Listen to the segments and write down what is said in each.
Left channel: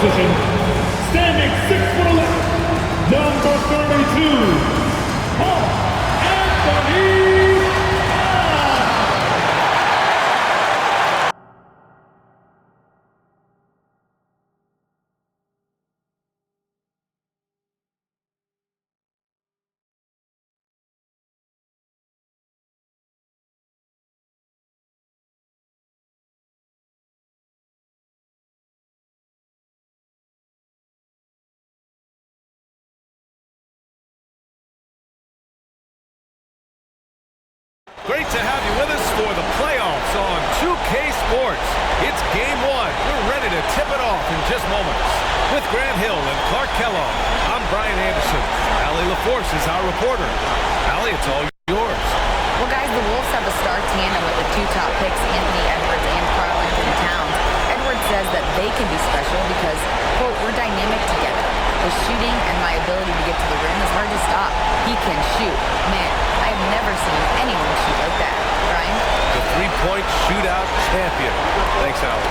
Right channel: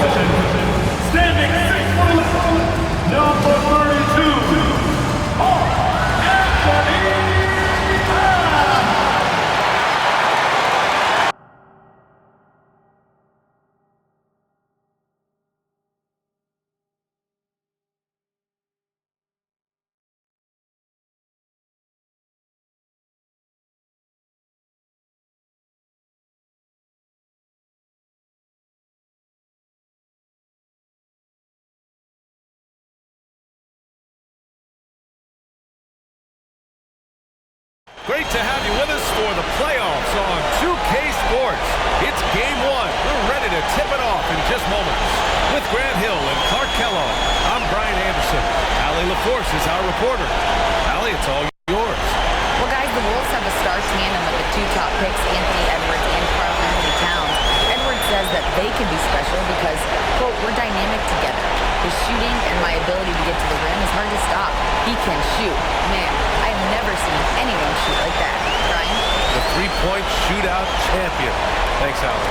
position, standing 6'11", number 32, Mark Anthony Towns. Great to have you with us for the playoffs on 2K Sports. It's game one. We're ready to tip it off in just moments. With Grant Hill and Clark Kellogg, I'm Brian Anderson. Allie LaForce is our reporter. Allie, it's all yours. Well, guys, the Wolves have a star tandem with the two top picks, Anthony Edwards and Karl Anthony Towns. Edwards says that they can be special because, quote, we're dynamic together. His shooting and my ability to get to the rim is hard to stop. He can shoot. Man, I have never seen anyone shoot like that. Brian? The three-point shootout champion. Thanks, Allie.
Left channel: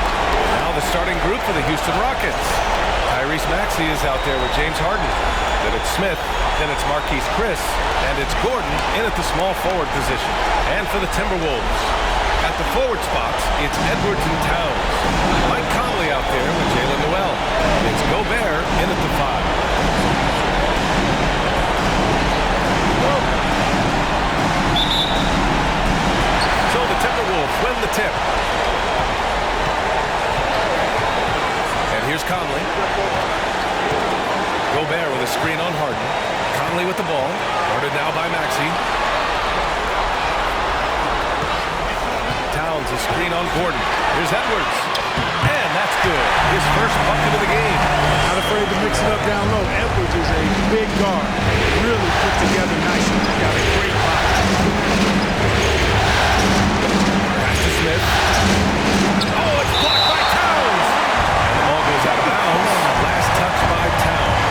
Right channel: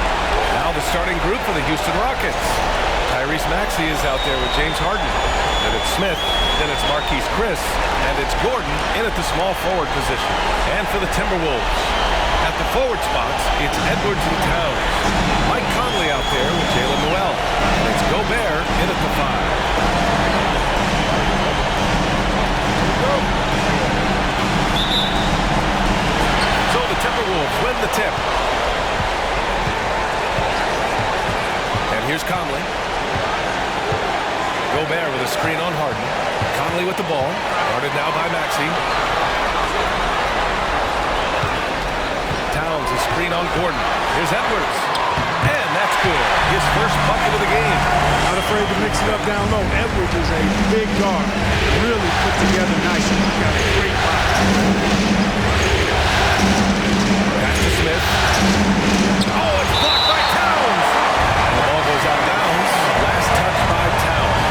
Now the starting group for the Houston Rockets. Tyrese Maxey is out there with James Harden. Then it's Smith. Then it's Marquise Chris. And it's Gordon in at the small forward position. And for the Timberwolves, at the forward spots, it's Edwards and Towns. Mike Conley out there with Jalen Noel. And it's Gobert in at the 5. So the Timberwolves win the tip. And here's Conley. Gobert with a screen on Harden. Conley with the ball. Guarded now by Maxey. Towns, a screen on Gordon. Here's Edwards. And that's good. His first bucket of the game. Not afraid to mix it up down low. Edwards is a big guard. Really put together nicely. Got a great body. Pass to Smith. Oh, it's blocked by Towns. And the ball goes out of bounds. Last touch by Towns.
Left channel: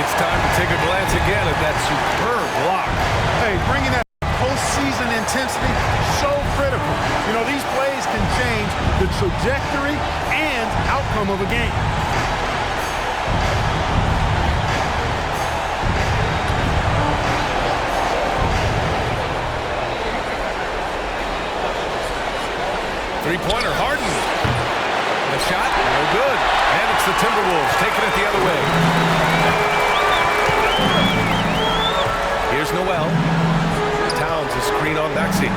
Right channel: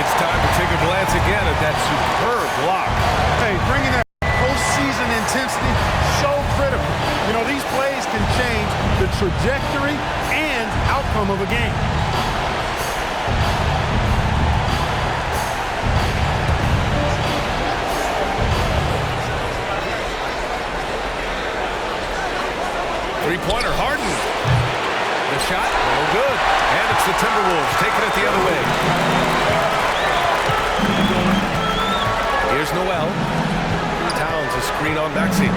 It's time to take a glance again at that superb block. Hey, bringing that postseason intensity, so critical. You know, these plays can change the trajectory and outcome of a game. Three-pointer, Harden. The shot, no good. And it's the Timberwolves taking it the other way. Here's Noel. Towns, a screen on Maxey.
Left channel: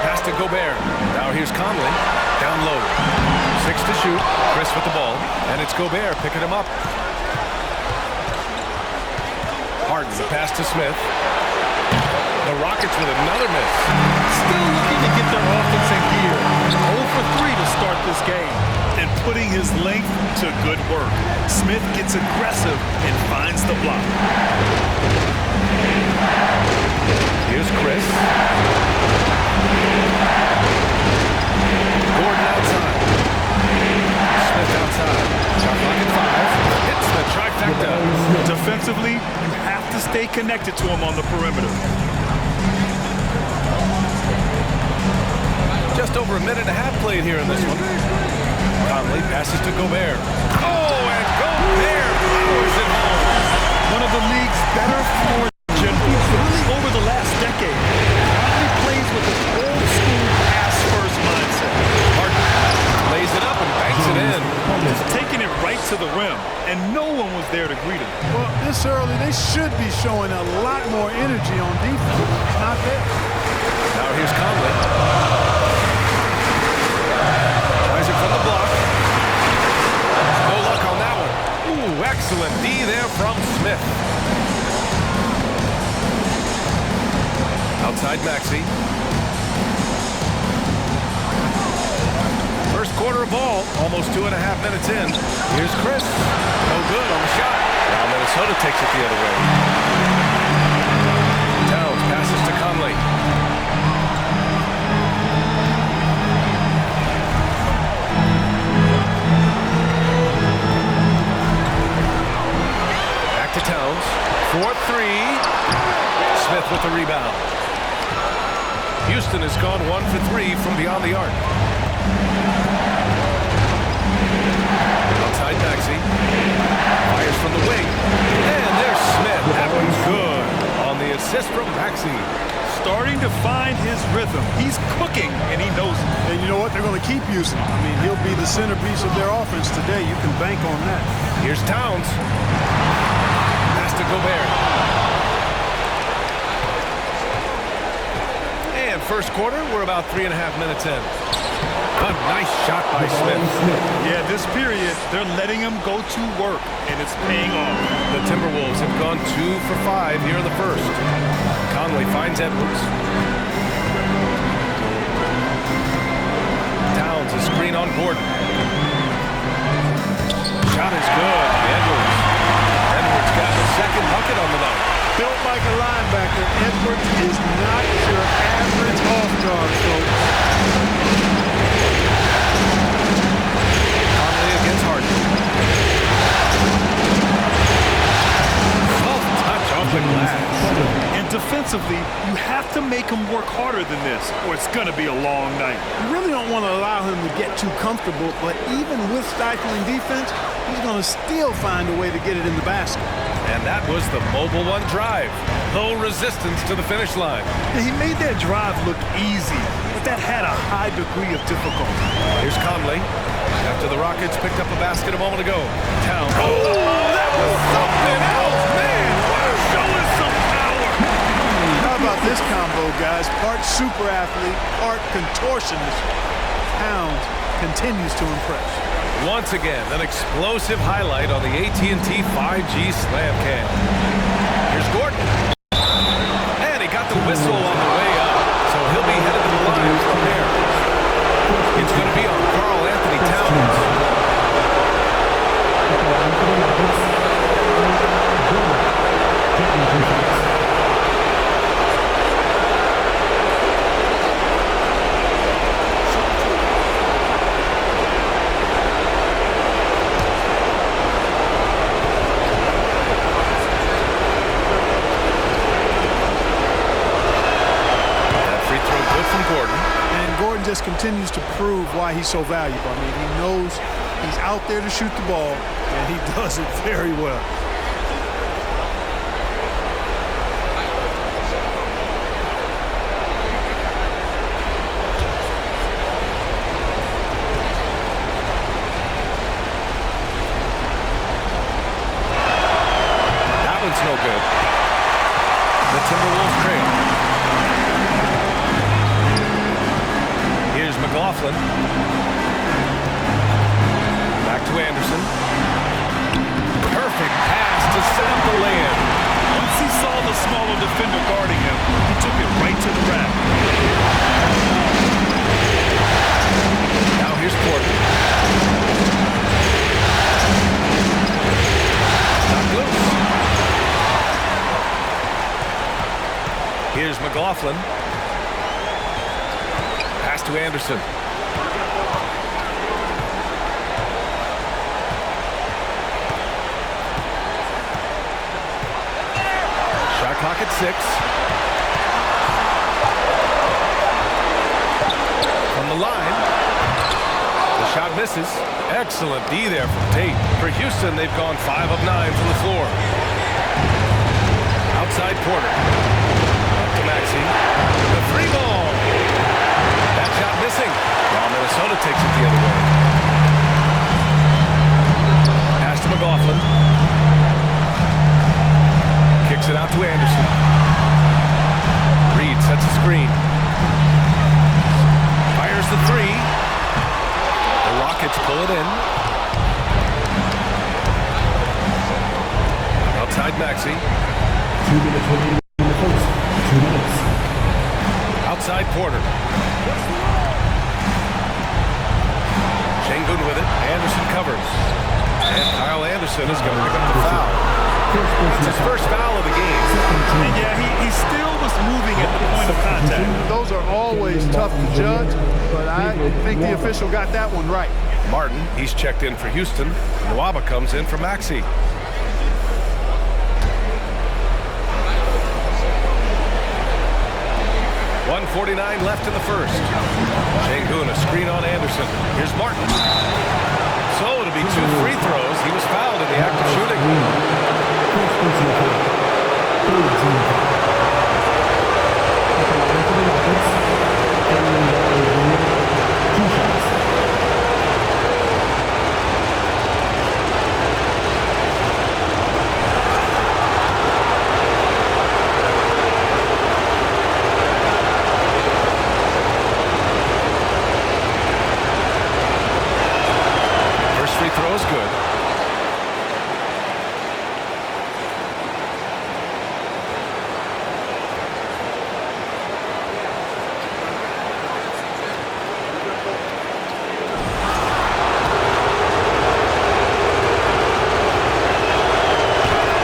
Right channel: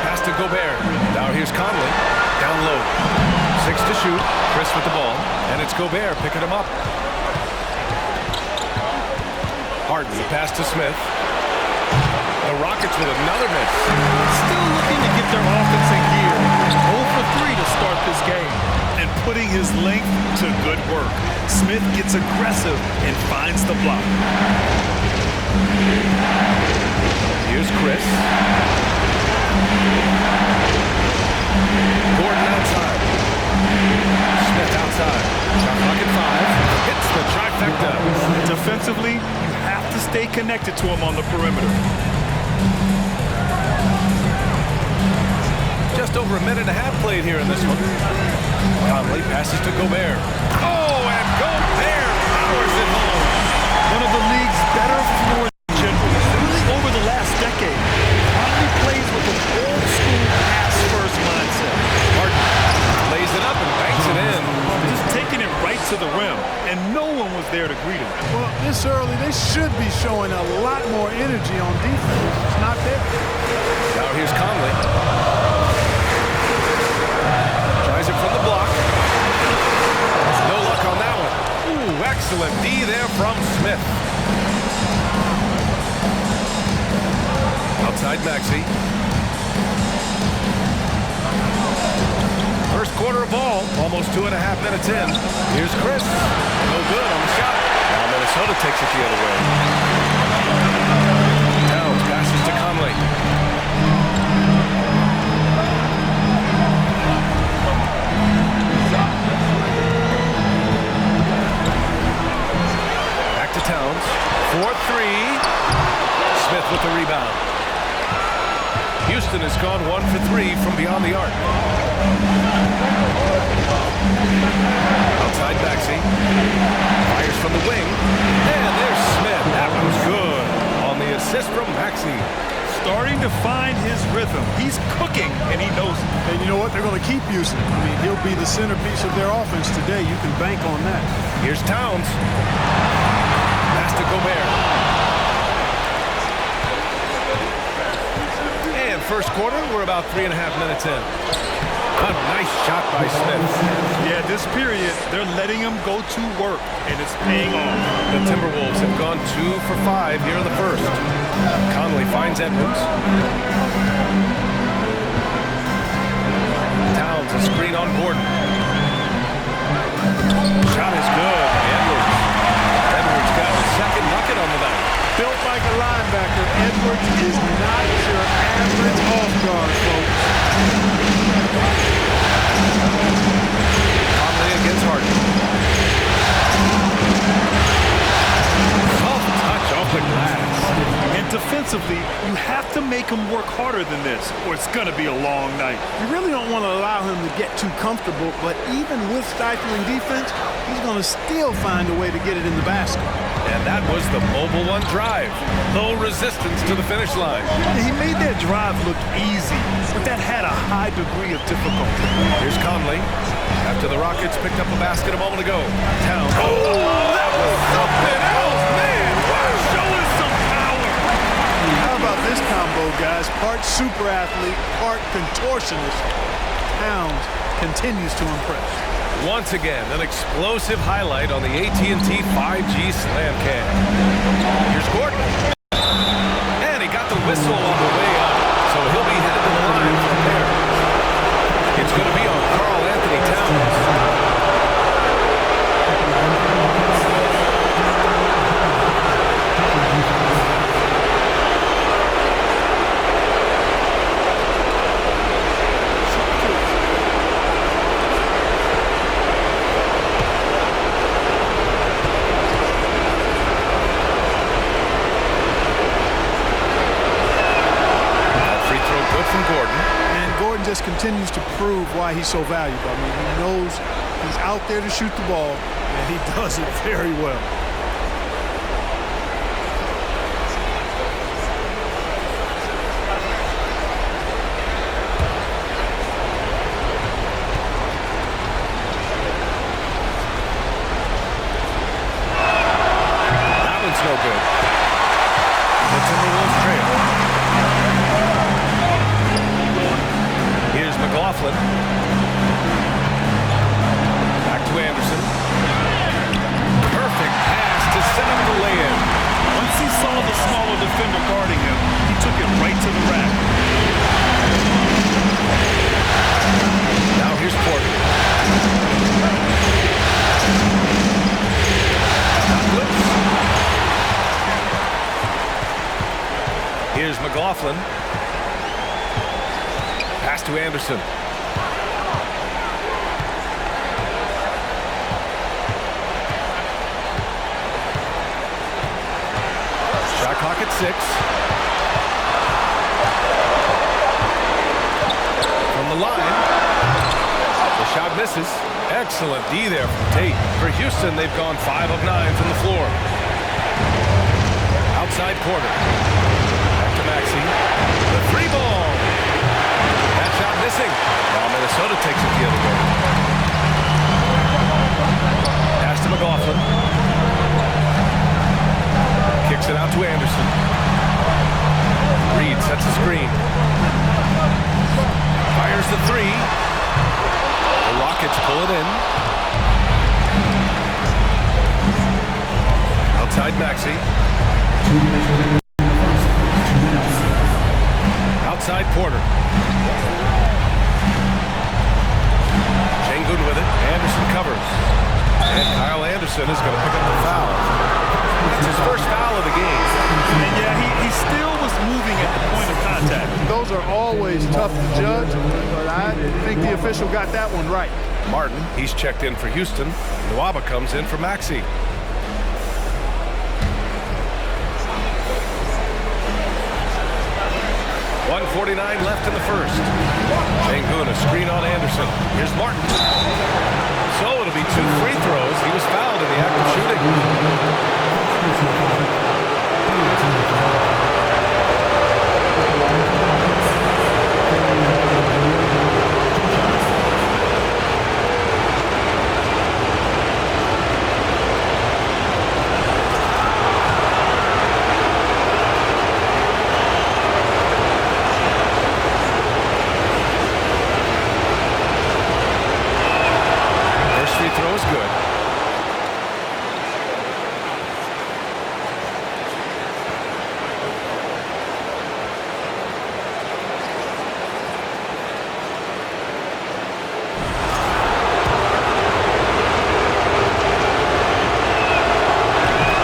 Pass to Gobert. Now here's Conley. Down low. 6 to shoot. Chris with the ball. And it's Gobert picking him up. Harden, the pass to Smith. The Rockets with another miss. Still looking to get their offense in gear. 0 for 3 to start this game. And putting his length to good work. Smith gets aggressive and finds the block. Here's Chris. Gordon outside. Smith outside. Shot clock at 5. Hits the trifecta. Defensively, you have to stay connected to him on the perimeter. Just over a minute and a half played here in this one. Conley passes to Gobert. Oh, and Gobert powers it home. One of the league's better floor generals, really over the last decade. Conley plays with an old-school pass-first mindset. Harden lays it up and banks it in. Just taking it right to the rim, and no one was there to greet him. Well, this early, they should be showing a lot more energy on defense. It's not there. Now here's Conley. Tries it from the block. No luck on that one. Ooh, excellent D there from Smith. Outside Maxey. First quarter of ball, almost 2.5 minutes in. Here's Chris. No good on the shot. Now Minnesota takes it the other way. Towns passes to Conley. Back to Towns. 4-3. Smith with the rebound. Houston has gone 1 for 3 from beyond the arc. Maxey. Fires from the wing. And there's Smith. That one's good on the assist from Maxey. Starting to find his rhythm. He's cooking, and he knows it. And you know what? They're going to keep using him. I mean, he'll be the centerpiece of their offense today. You can bank on that. Here's Towns. Pass to Gobert. And first quarter, we're about 3.5 minutes in. A nice shot by Smith. Yeah, this period, they're letting him go to work, and it's paying off. The Timberwolves have gone 2 for 5 here in the first. Conley finds Edwards. Towns, a screen on Gordon. Shot is good by Edwards. Edwards got the second bucket on the night. Built like a linebacker, Edwards is not your average off guard, folks. Conley against Harden. Soft touch off the glass. And defensively, you have to make him work harder than this, or it's going to be a long night. You really don't want to allow him to get too comfortable, but even with stifling defense, he's going to still find a way to get it in the basket. And that was the Mobile One drive. Low resistance to the finish line. He made that drive look easy, but that had a high degree of difficulty. Here's Conley. After the Rockets picked up a basket a moment ago. Towns. Oh, that was something else, man. Wow, showing some power. How about this combo, guys? Part super athlete, part contortionist. Towns continues to impress. Once again, an explosive highlight on the AT&T 5G Slam Cam. Here's Gordon. And he got the whistle on the way up, so he'll be headed to the line for a pair. It's going to be on Karl Anthony Towns. Good from Gordon. And Gordon just continues to prove why he's so valuable. I mean, he knows he's out there to shoot the ball, and he does it very well. That one's no good. The Timberwolves trail. Here's McLaughlin. Back to Anderson. Perfect pass to set up the lay-in. Once he saw the smaller defender guarding him, he took it right to the rack. Now here's Porter. Knocked loose. Here's McLaughlin. Pass to Anderson. Shot clock at 6. From the line. The shot misses. Excellent D there from Tate. For Houston, they've gone 5 of 9 from the floor. Outside Porter. Back to Maxey. The 3-ball. That shot missing. Now Minnesota takes it the other way. Pass to McLaughlin. Kicks it out to Anderson. Reed sets a screen. Fires the 3. The Rockets pull it in. Outside Maxey. 2 minutes remaining in the first. 2 minutes. Outside Porter. Şengün with it. Anderson covers. And Kyle Anderson is going to pick up the foul. That's his first foul of the game. And yeah, he still was moving at the point of contact. Those are always tough to judge, but I think the official got that one right. Martin, he's checked in for Houston. Nwaba comes in for Maxey. .149 left in the first. Şengün, a screen on Anderson. Here's Martin. So it'll be 2 free throws. He was fouled in the act of shooting. First personal foul. Third team foul. At the line for the Rockets. Two shots. First free throw is good.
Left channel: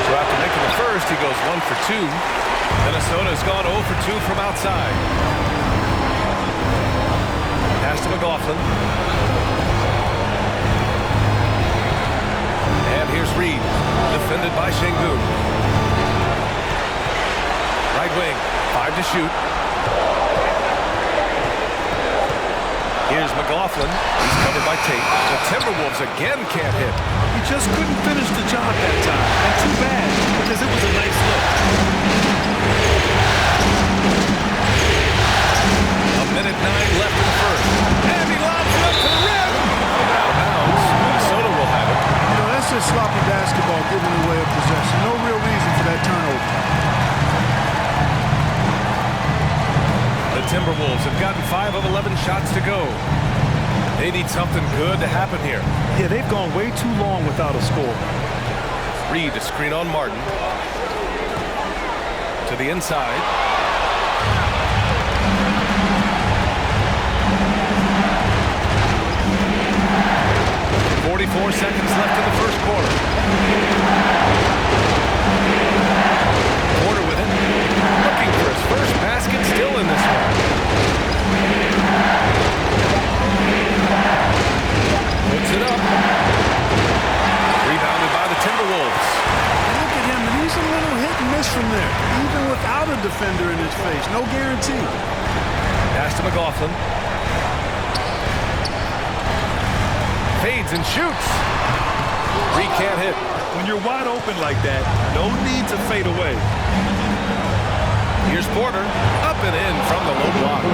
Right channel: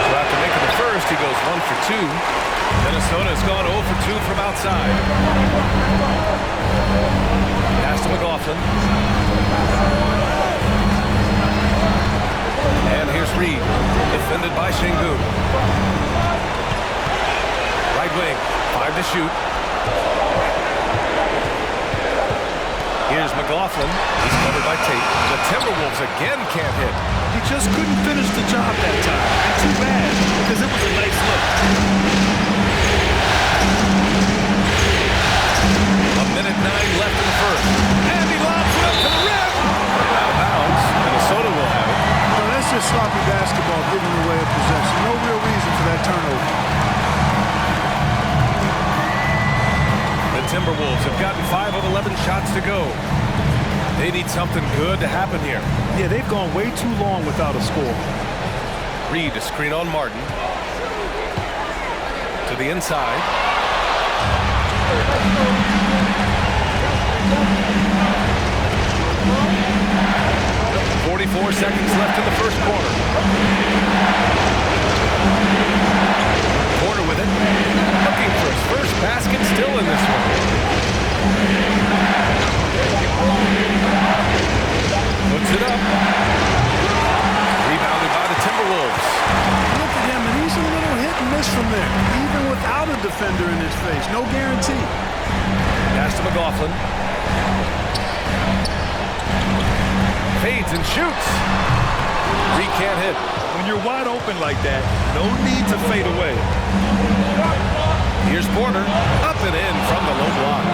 So after making the first, he goes 1 for 2. Minnesota has gone 0 for 2 from outside. Pass to McLaughlin. And here's Reed, defended by Şengün. Right wing, 5 to shoot. Here's McLaughlin. He's covered by Tate. The Timberwolves again can't hit. He just couldn't finish the job that time. And too bad, because it was a nice look. A minute 9 left in the first. And he lobs it up to the rim. Out of bounds. Minnesota will have it. You know, that's just sloppy basketball giving away a possession. No real reason for that turnover. The Timberwolves have gotten 5 of 11 shots to go. They need something good to happen here. Yeah, they've gone way too long without a score. Reed to screen on Martin. To the inside. .44 seconds left in the first quarter. Porter with it. Looking for his first basket, still in this one. Puts it up. Rebounded by the Timberwolves. Look at him, and he's a little hit and miss from there, even without a defender in his face. No guarantee. Pass to McLaughlin. Fades and shoots. Reed can't hit. When you're wide open like that, no need to fade away. Here's Porter. Up and in from the low block.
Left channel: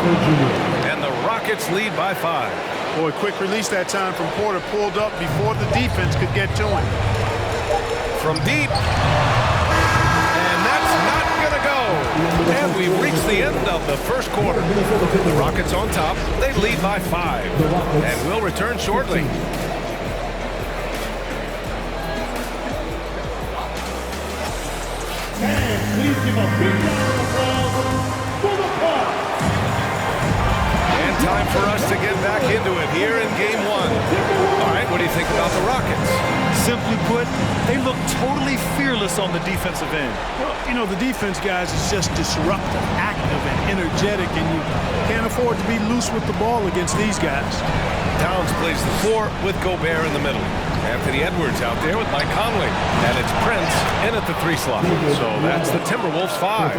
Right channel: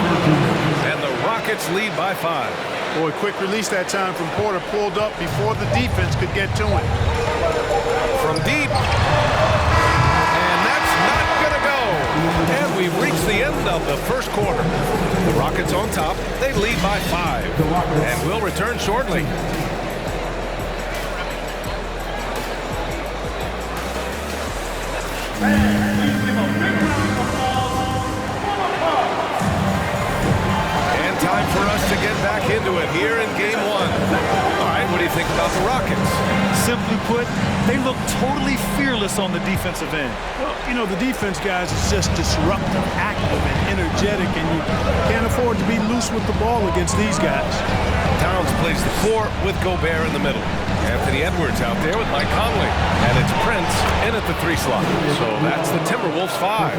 And the Rockets lead by 5. Boy, quick release that time from Porter. Pulled up before the defense could get to him. From deep. And that's not going to go. And we've reached the end of the first quarter. The Rockets on top. They lead by 5. And we'll return shortly. And time for us to get back into it here in game 1. All right, what do you think about the Rockets? Simply put, they look totally fearless on the defensive end. Well, you know, the defense, guys, is just disruptive, active, and energetic, and you can't afford to be loose with the ball against these guys. Towns plays the 4 with Gobert in the middle. Anthony Edwards out there with Mike Conley. And it's Prince in at the 3 slot. So that's the Timberwolves 5.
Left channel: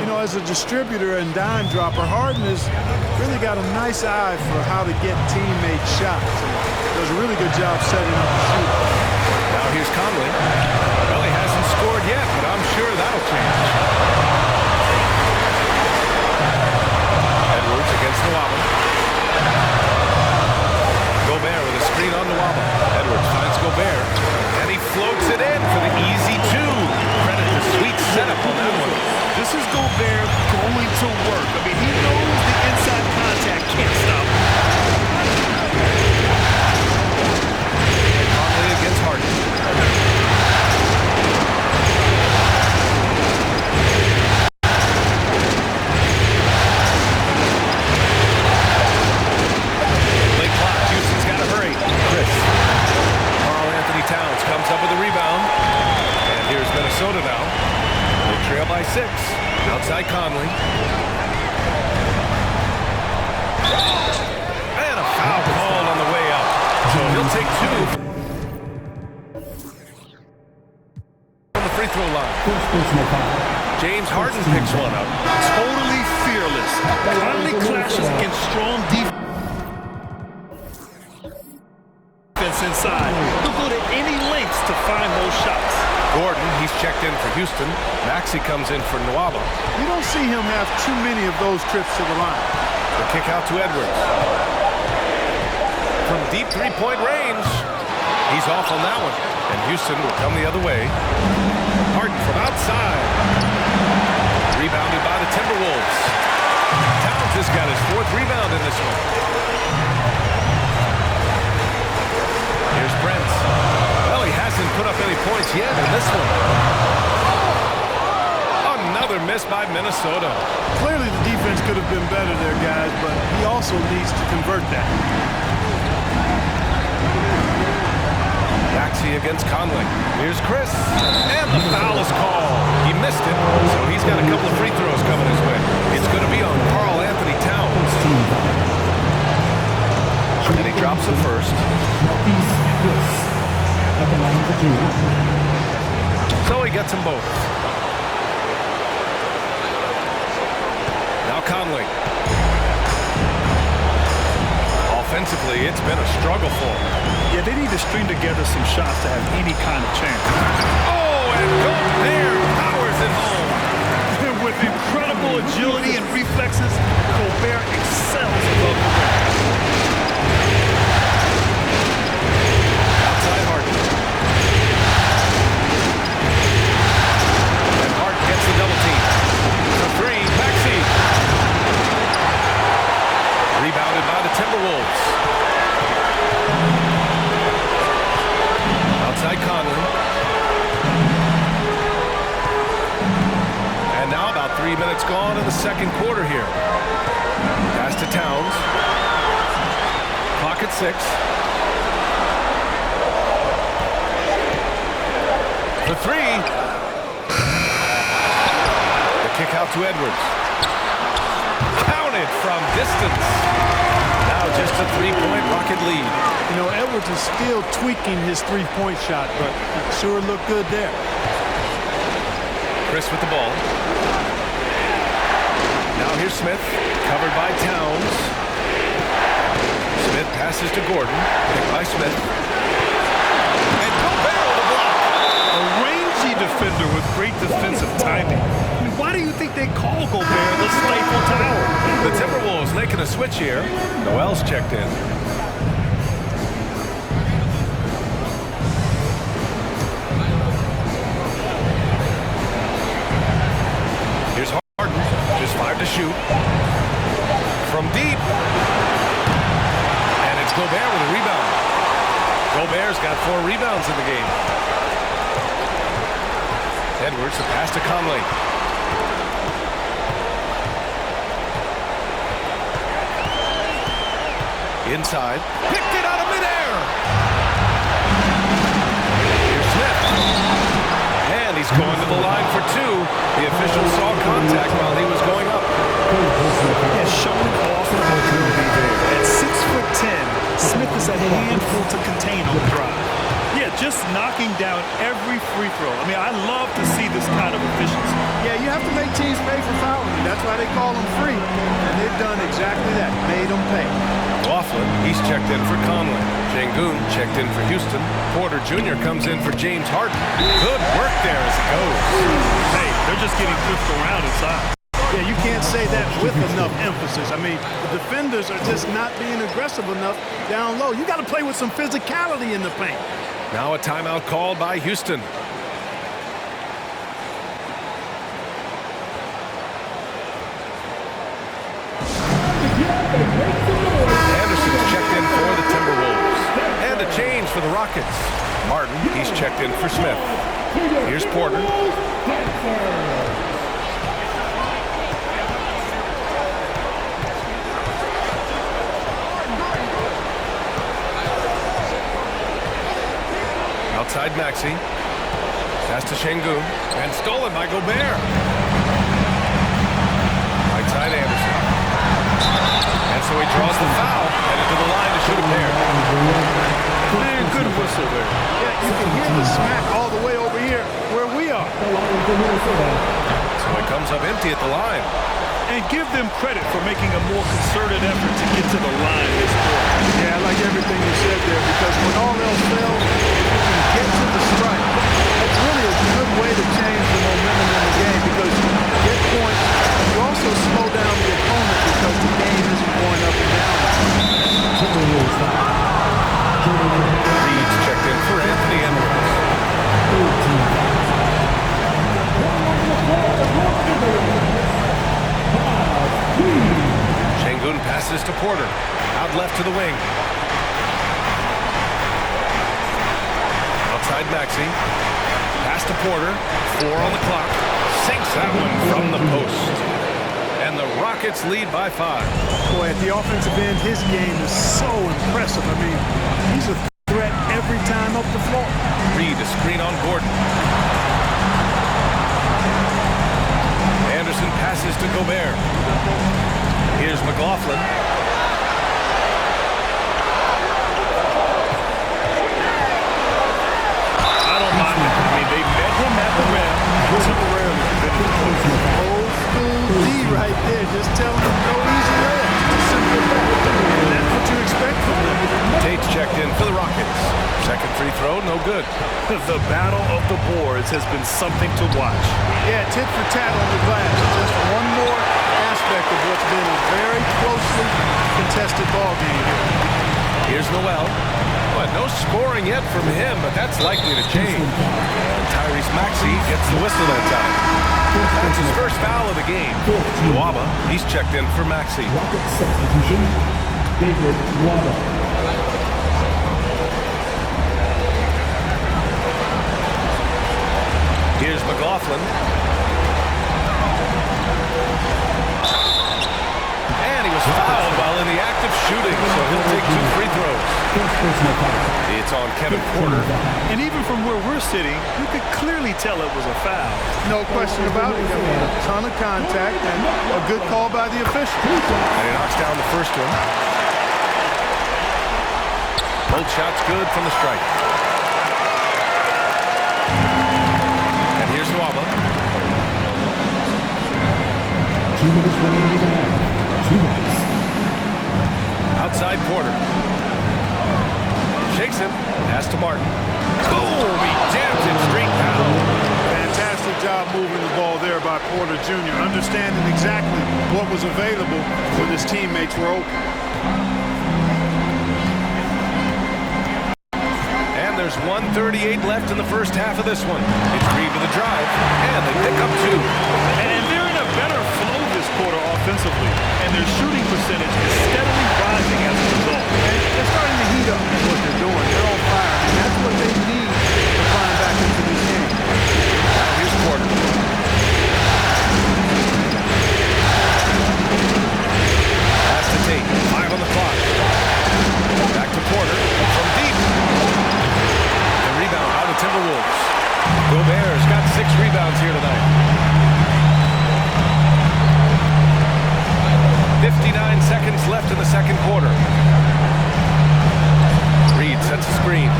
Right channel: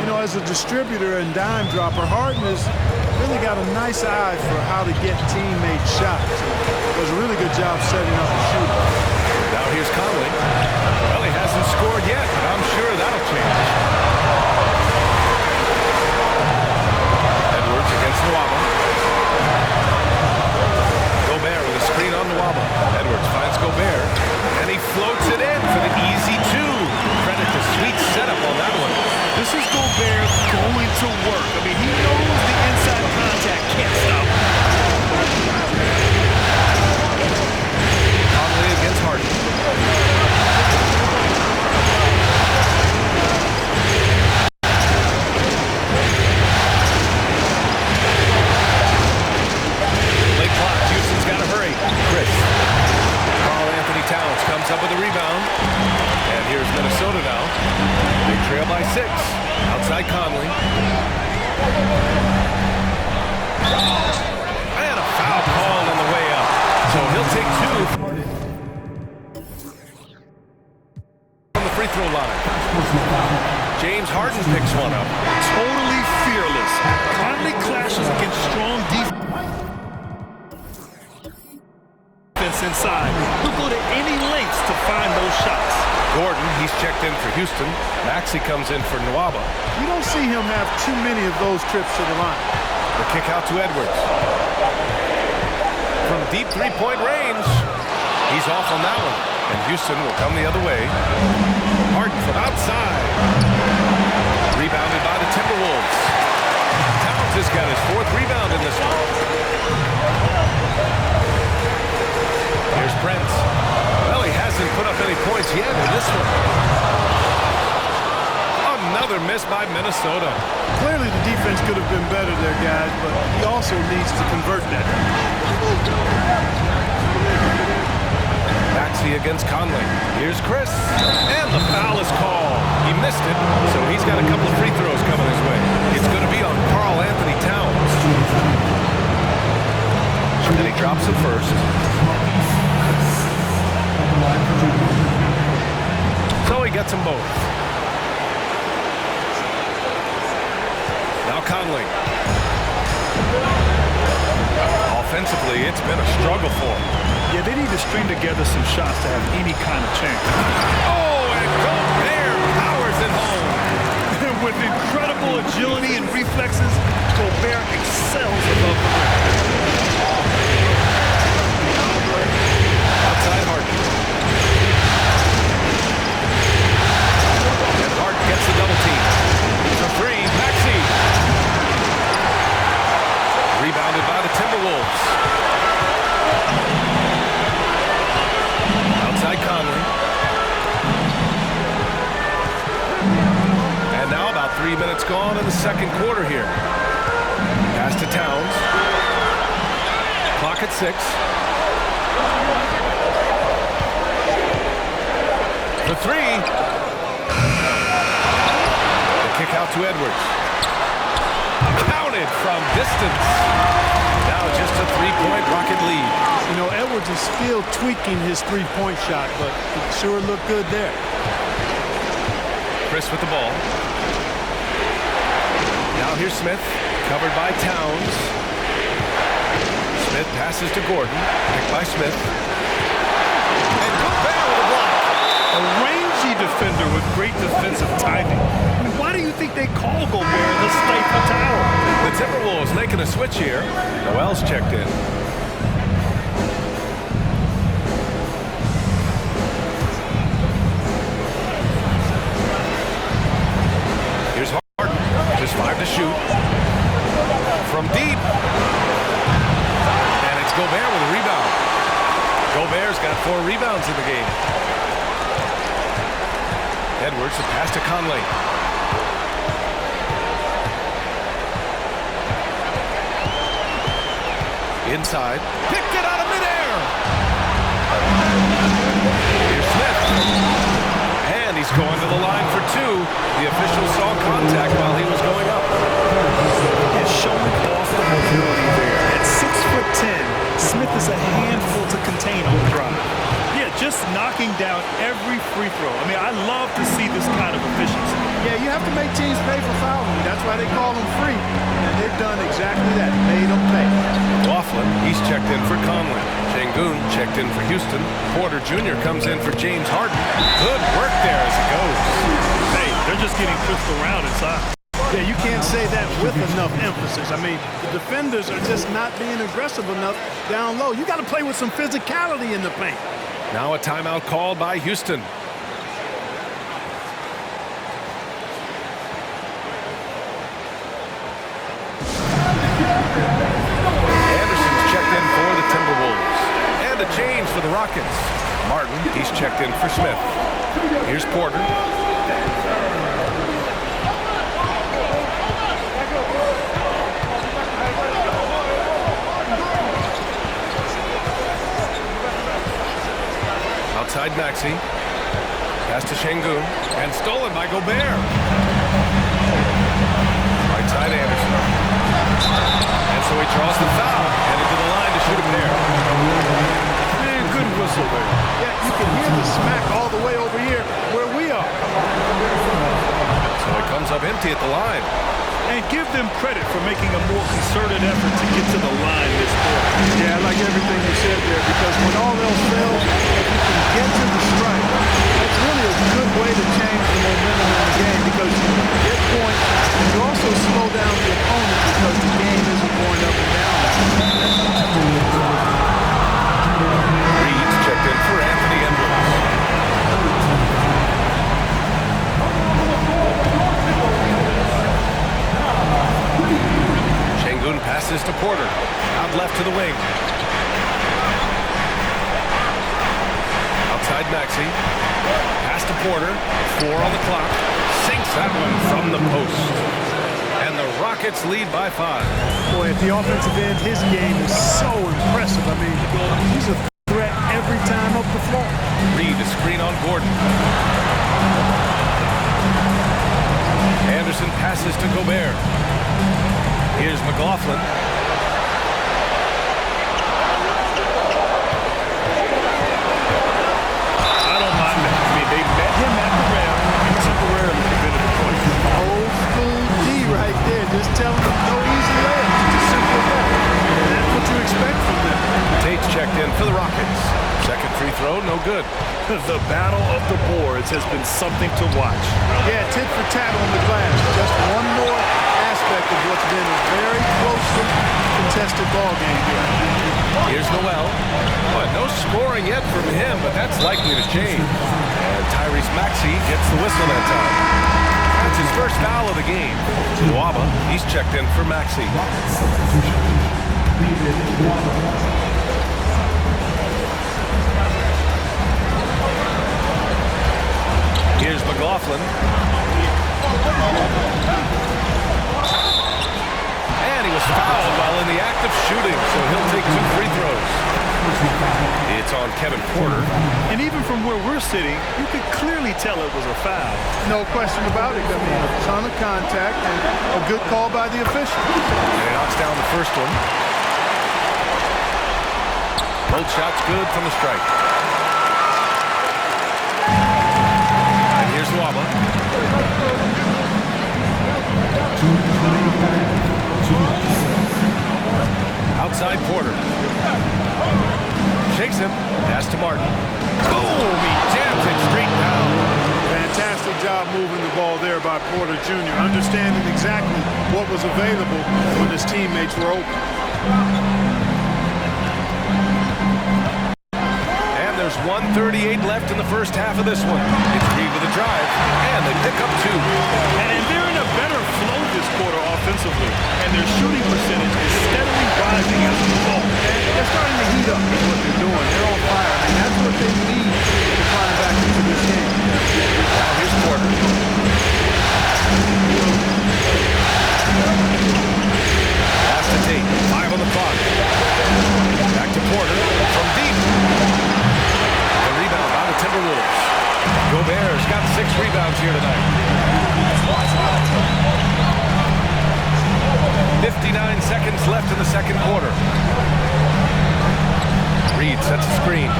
You know, as a distributor and dime dropper, Harden has really got a nice eye for how to get teammate shots. And does a really good job setting up the shooter. Now here's Conley. Well, he hasn't scored yet, but I'm sure that'll change. Edwards against Nwaba. Gobert with a screen on Nwaba. Edwards finds Gobert, and he floats it in for the easy 2. Credit the sweet setup on that one. This is Gobert going to work. I mean, he knows the inside contact can't stop him. Conley against Harden. Late clock. Houston's got to hurry. Chris. Karl-Anthony Towns comes up with a rebound. And here's Minnesota now. They trail by 6. Outside Conley. And a foul called on the way up. So he'll take 2 from the free throw line. First personal foul. James Harden picks one up. Totally fearless. Conley clashes against strong defense. defense inside. He'll go to any lengths to find those shots. Gordon, he's checked in for Houston. Maxey comes in for Nwaba. You don't see him have too many of those trips to the line. The kick out to Edwards. From deep three-point range. He's off on that one. And Houston will come the other way. Harden from outside. Rebounded by the Timberwolves. Towns has got his 4th rebound in this one. Here's Brent. Well, he hasn't put up any points yet in this one. Another miss by Minnesota. Clearly the defense could have been better there, guys, but he also needs to convert that. Maxey against Conley. Here's Chris. And the foul is called. He missed it, so he's got a couple of free throws coming his way. It's going to be on Karl Anthony Towns. And he drops it first. So he gets them both. Now Conley. Offensively, it's been a struggle for him. Yeah, they need to string together some shots to have any kind of chance. Oh, and Gobert powers it home. With incredible agility and reflexes, Gobert excels above the rim. Outside Harden. And Harden gets the double team. The 3, Maxey. Rebounded by the Timberwolves. Outside Conley. And now about 3 minutes gone in the second quarter here. Pass to Towns. Clock at 6. The 3. The kick out to Edwards. Counted from distance. Now just a 3-point Rocket lead. You know, Edwards is still tweaking his three-point shot, but it sure looked good there. Chris with the ball. Now here's Smith, covered by Towns. Smith passes to Gordon, picked by Smith. And Gobert with a block. A rangy defender with great defensive timing. I mean, why do you think they call Gobert the Stifle Tower? The Timberwolves making a switch here. Noel's checked in. Here's Harden, just 5 to shoot. From deep. And it's Gobert with a rebound. Gobert's got 4 rebounds in the game. Edwards, the pass to Conley. Inside. Picked it out of midair. Here's Smith. And he's going to the line for 2. The official saw contact while he was going up. Yeah, showing off the mobility there. At 6'10", Smith is a handful to contain on the drive. Yeah, just knocking down every free throw. I mean, I love to see this kind of efficiency. Yeah, you have to make teams pay for fouling you. That's why they call them free. And they've done exactly that, made them pay. Laughlin, he's checked in for Conley. Şengün checked in for Houston. Porter Jr. comes in for James Harden. Good work there as it goes. Hey, they're just getting pushed around inside. Yeah, you can't say that with enough emphasis. I mean, the defenders are just not being aggressive enough down low. You got to play with some physicality in the paint. Now a timeout called by Houston. Anderson's checked in for the Timberwolves. And a change for the Rockets. Martin, he's checked in for Smith. Here's Porter. Outside Maxey. Pass to Şengün. And stolen by Gobert. Right side Anderson. And so he draws the foul. Headed to the line to shoot a pair. Man, good whistle there. Yeah, you can hear the smack all the way over here where we are. So it comes up empty at the line. And give them credit for making a more concerted effort to get to the line this quarter. Yeah, I like everything you said there, because when all head to the stripe. That's really a good way to change the momentum in the game because you get points and you also slow down the opponent because the game isn't going up and down. Reed's checked in for Anthony Edwards. Şengün passes to Porter. Out left to the wing. Outside Maxey. Pass to Porter. 4 on the clock. Sinks that one from the post. And the Rockets lead by 5. Boy, at the offensive end, his game is so impressive. I mean, he's a threat every time up the floor. Reed a screen on Gordon. Anderson passes to Gobert. Here's McLaughlin. I don't mind that. I mean, they met him at the rim and temporarily prevented the point. Old school D right there, just telling them no easy layups. It's as simple as that. And that's what you expect from them. Tate's checked in for the Rockets. Second free throw, no good. The battle of the boards has been something to watch. Yeah, tit for tat on the glass. Just one more aspect of what's been a very closely contested ball game here. Here's Noel. But no scoring yet from him, but that's likely to change. And Tyrese Maxey gets the whistle that time. That's his first foul of the game. Nwaba, he's checked in for Maxey. Rocket substitution, David Nwaba. Here's McLaughlin. And he was fouled while in the act of shooting, so he'll take 2 free throws. It's on Kevin Porter. And even from where we're sitting, you could clearly tell it was a foul. No question about it. I mean, a ton of contact and a good call by the official. And he knocks down the first one. Both shots good from the strike. And here's Nwaba. 2 minutes remaining time. 2 minutes. Outside Porter. Shakes him. Pass to Martin. Boom! He jams it straight down. Fantastic job moving the ball there by Porter Jr., understanding exactly what was available when his teammates were open. And there's 1:38 left in the first half of this one. It's Reed with a drive, and they pick up 2. And they're in a better flow this quarter offensively, and their shooting percentage is steadily rising as a result. And they're starting to heat up is what they're doing. They're on fire, and that's what they need to climb back into this game. Now here's Porter. Pass to Tate. 5 on the clock. Back to Porter from deep. The rebound by the Timberwolves. Gobert's got 6 rebounds here tonight. 59 seconds left in the second quarter. Reed sets a screen.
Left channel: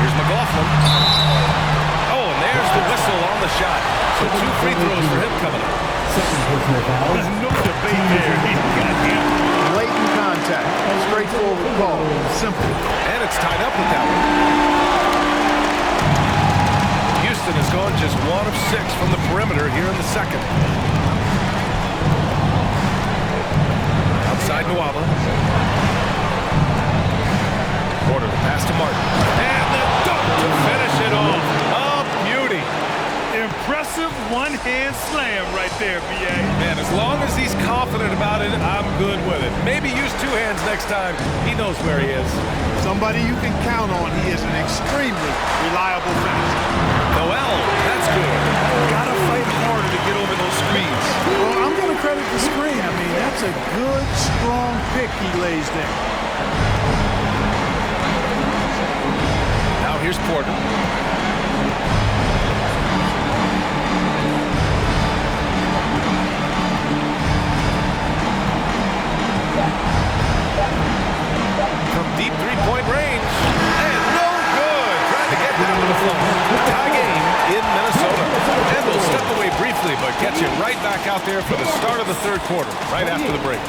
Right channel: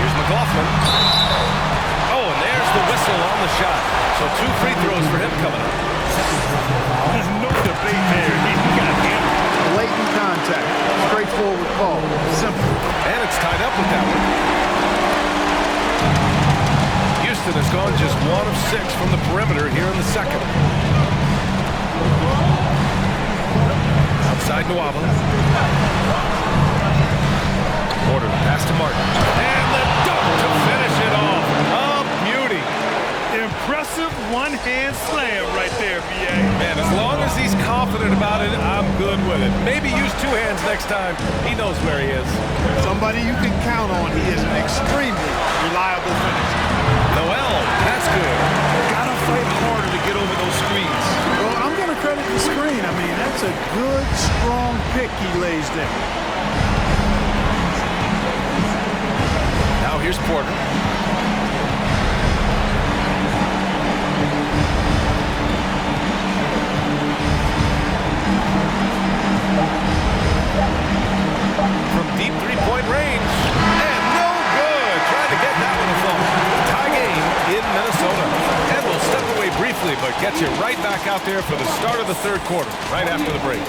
Here's McLaughlin. Oh, and there's the whistle on the shot. So 2 free throws for him coming up. Second personal foul. No debate there. He got hammered. Blatant contact. Straightforward call. Simple. And it's tied up with that one. Houston has gone just 1 of 6 from the perimeter here in the second. Outside Nwaba. Porter, the pass to Martin. And the dunk to finish it off. A beauty. Impressive one-hand slam right there, B.A. Man, as long as he's confident about it, I'm good with it. Maybe use 2 hands next time. He knows where he is. Somebody you can count on. He is an extremely reliable finisher. Noel, that's good. Gotta fight harder to get over those screens. Well, I'm going to credit the screen. I mean, that's a good, strong pick he lays there. Now here's Porter. From deep 3-point range. And no good. Trying to get that one to fall. Tie game in Minnesota. And we'll step away briefly, but get you right back out there for the start of the third quarter, right after the break.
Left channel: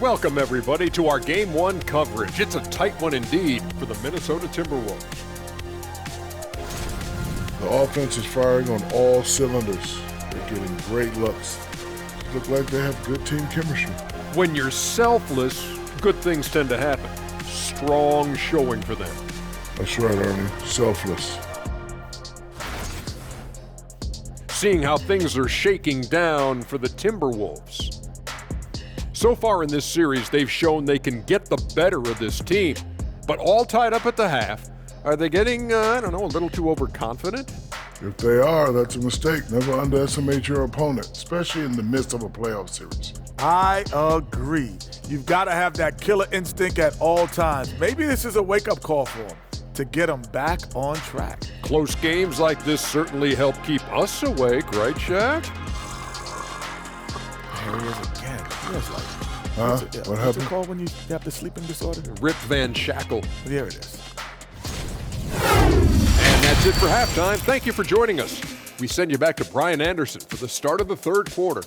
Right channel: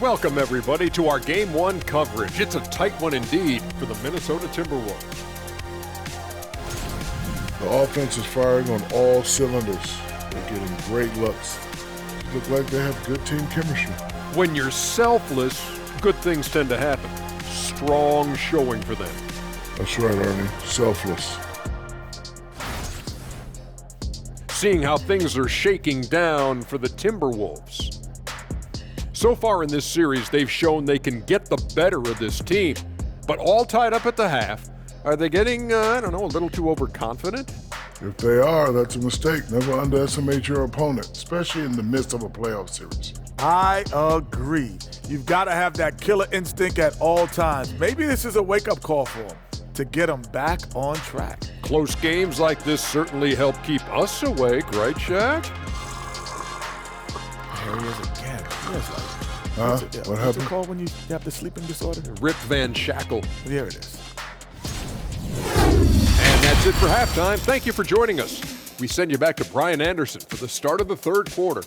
Welcome, everybody, to our Game 1 coverage. It's a tight one indeed for the Minnesota Timberwolves. The offense is firing on all cylinders. They're getting great looks. It looks like they have good team chemistry. When you're selfless, good things tend to happen. Strong showing for them. That's right, Ernie. Selfless. Seeing how things are shaking down for the Timberwolves. So far in this series, they've shown they can get the better of this team, but all tied up at the half. Are they getting, a little too overconfident? If they are, that's a mistake. Never underestimate your opponent, especially in the midst of a playoff series. I agree. You've got to have that killer instinct at all times. Maybe this is a wake-up call for them to get them back on track. Close games like this certainly help keep us awake, right, Shaq? There he is again. He is like, What what's happened? it called when you have the sleeping disorder? Rip Van Shackle. There it is. And that's it for halftime. Thank you for joining us. We send you back to Brian Anderson for the start of the third quarter.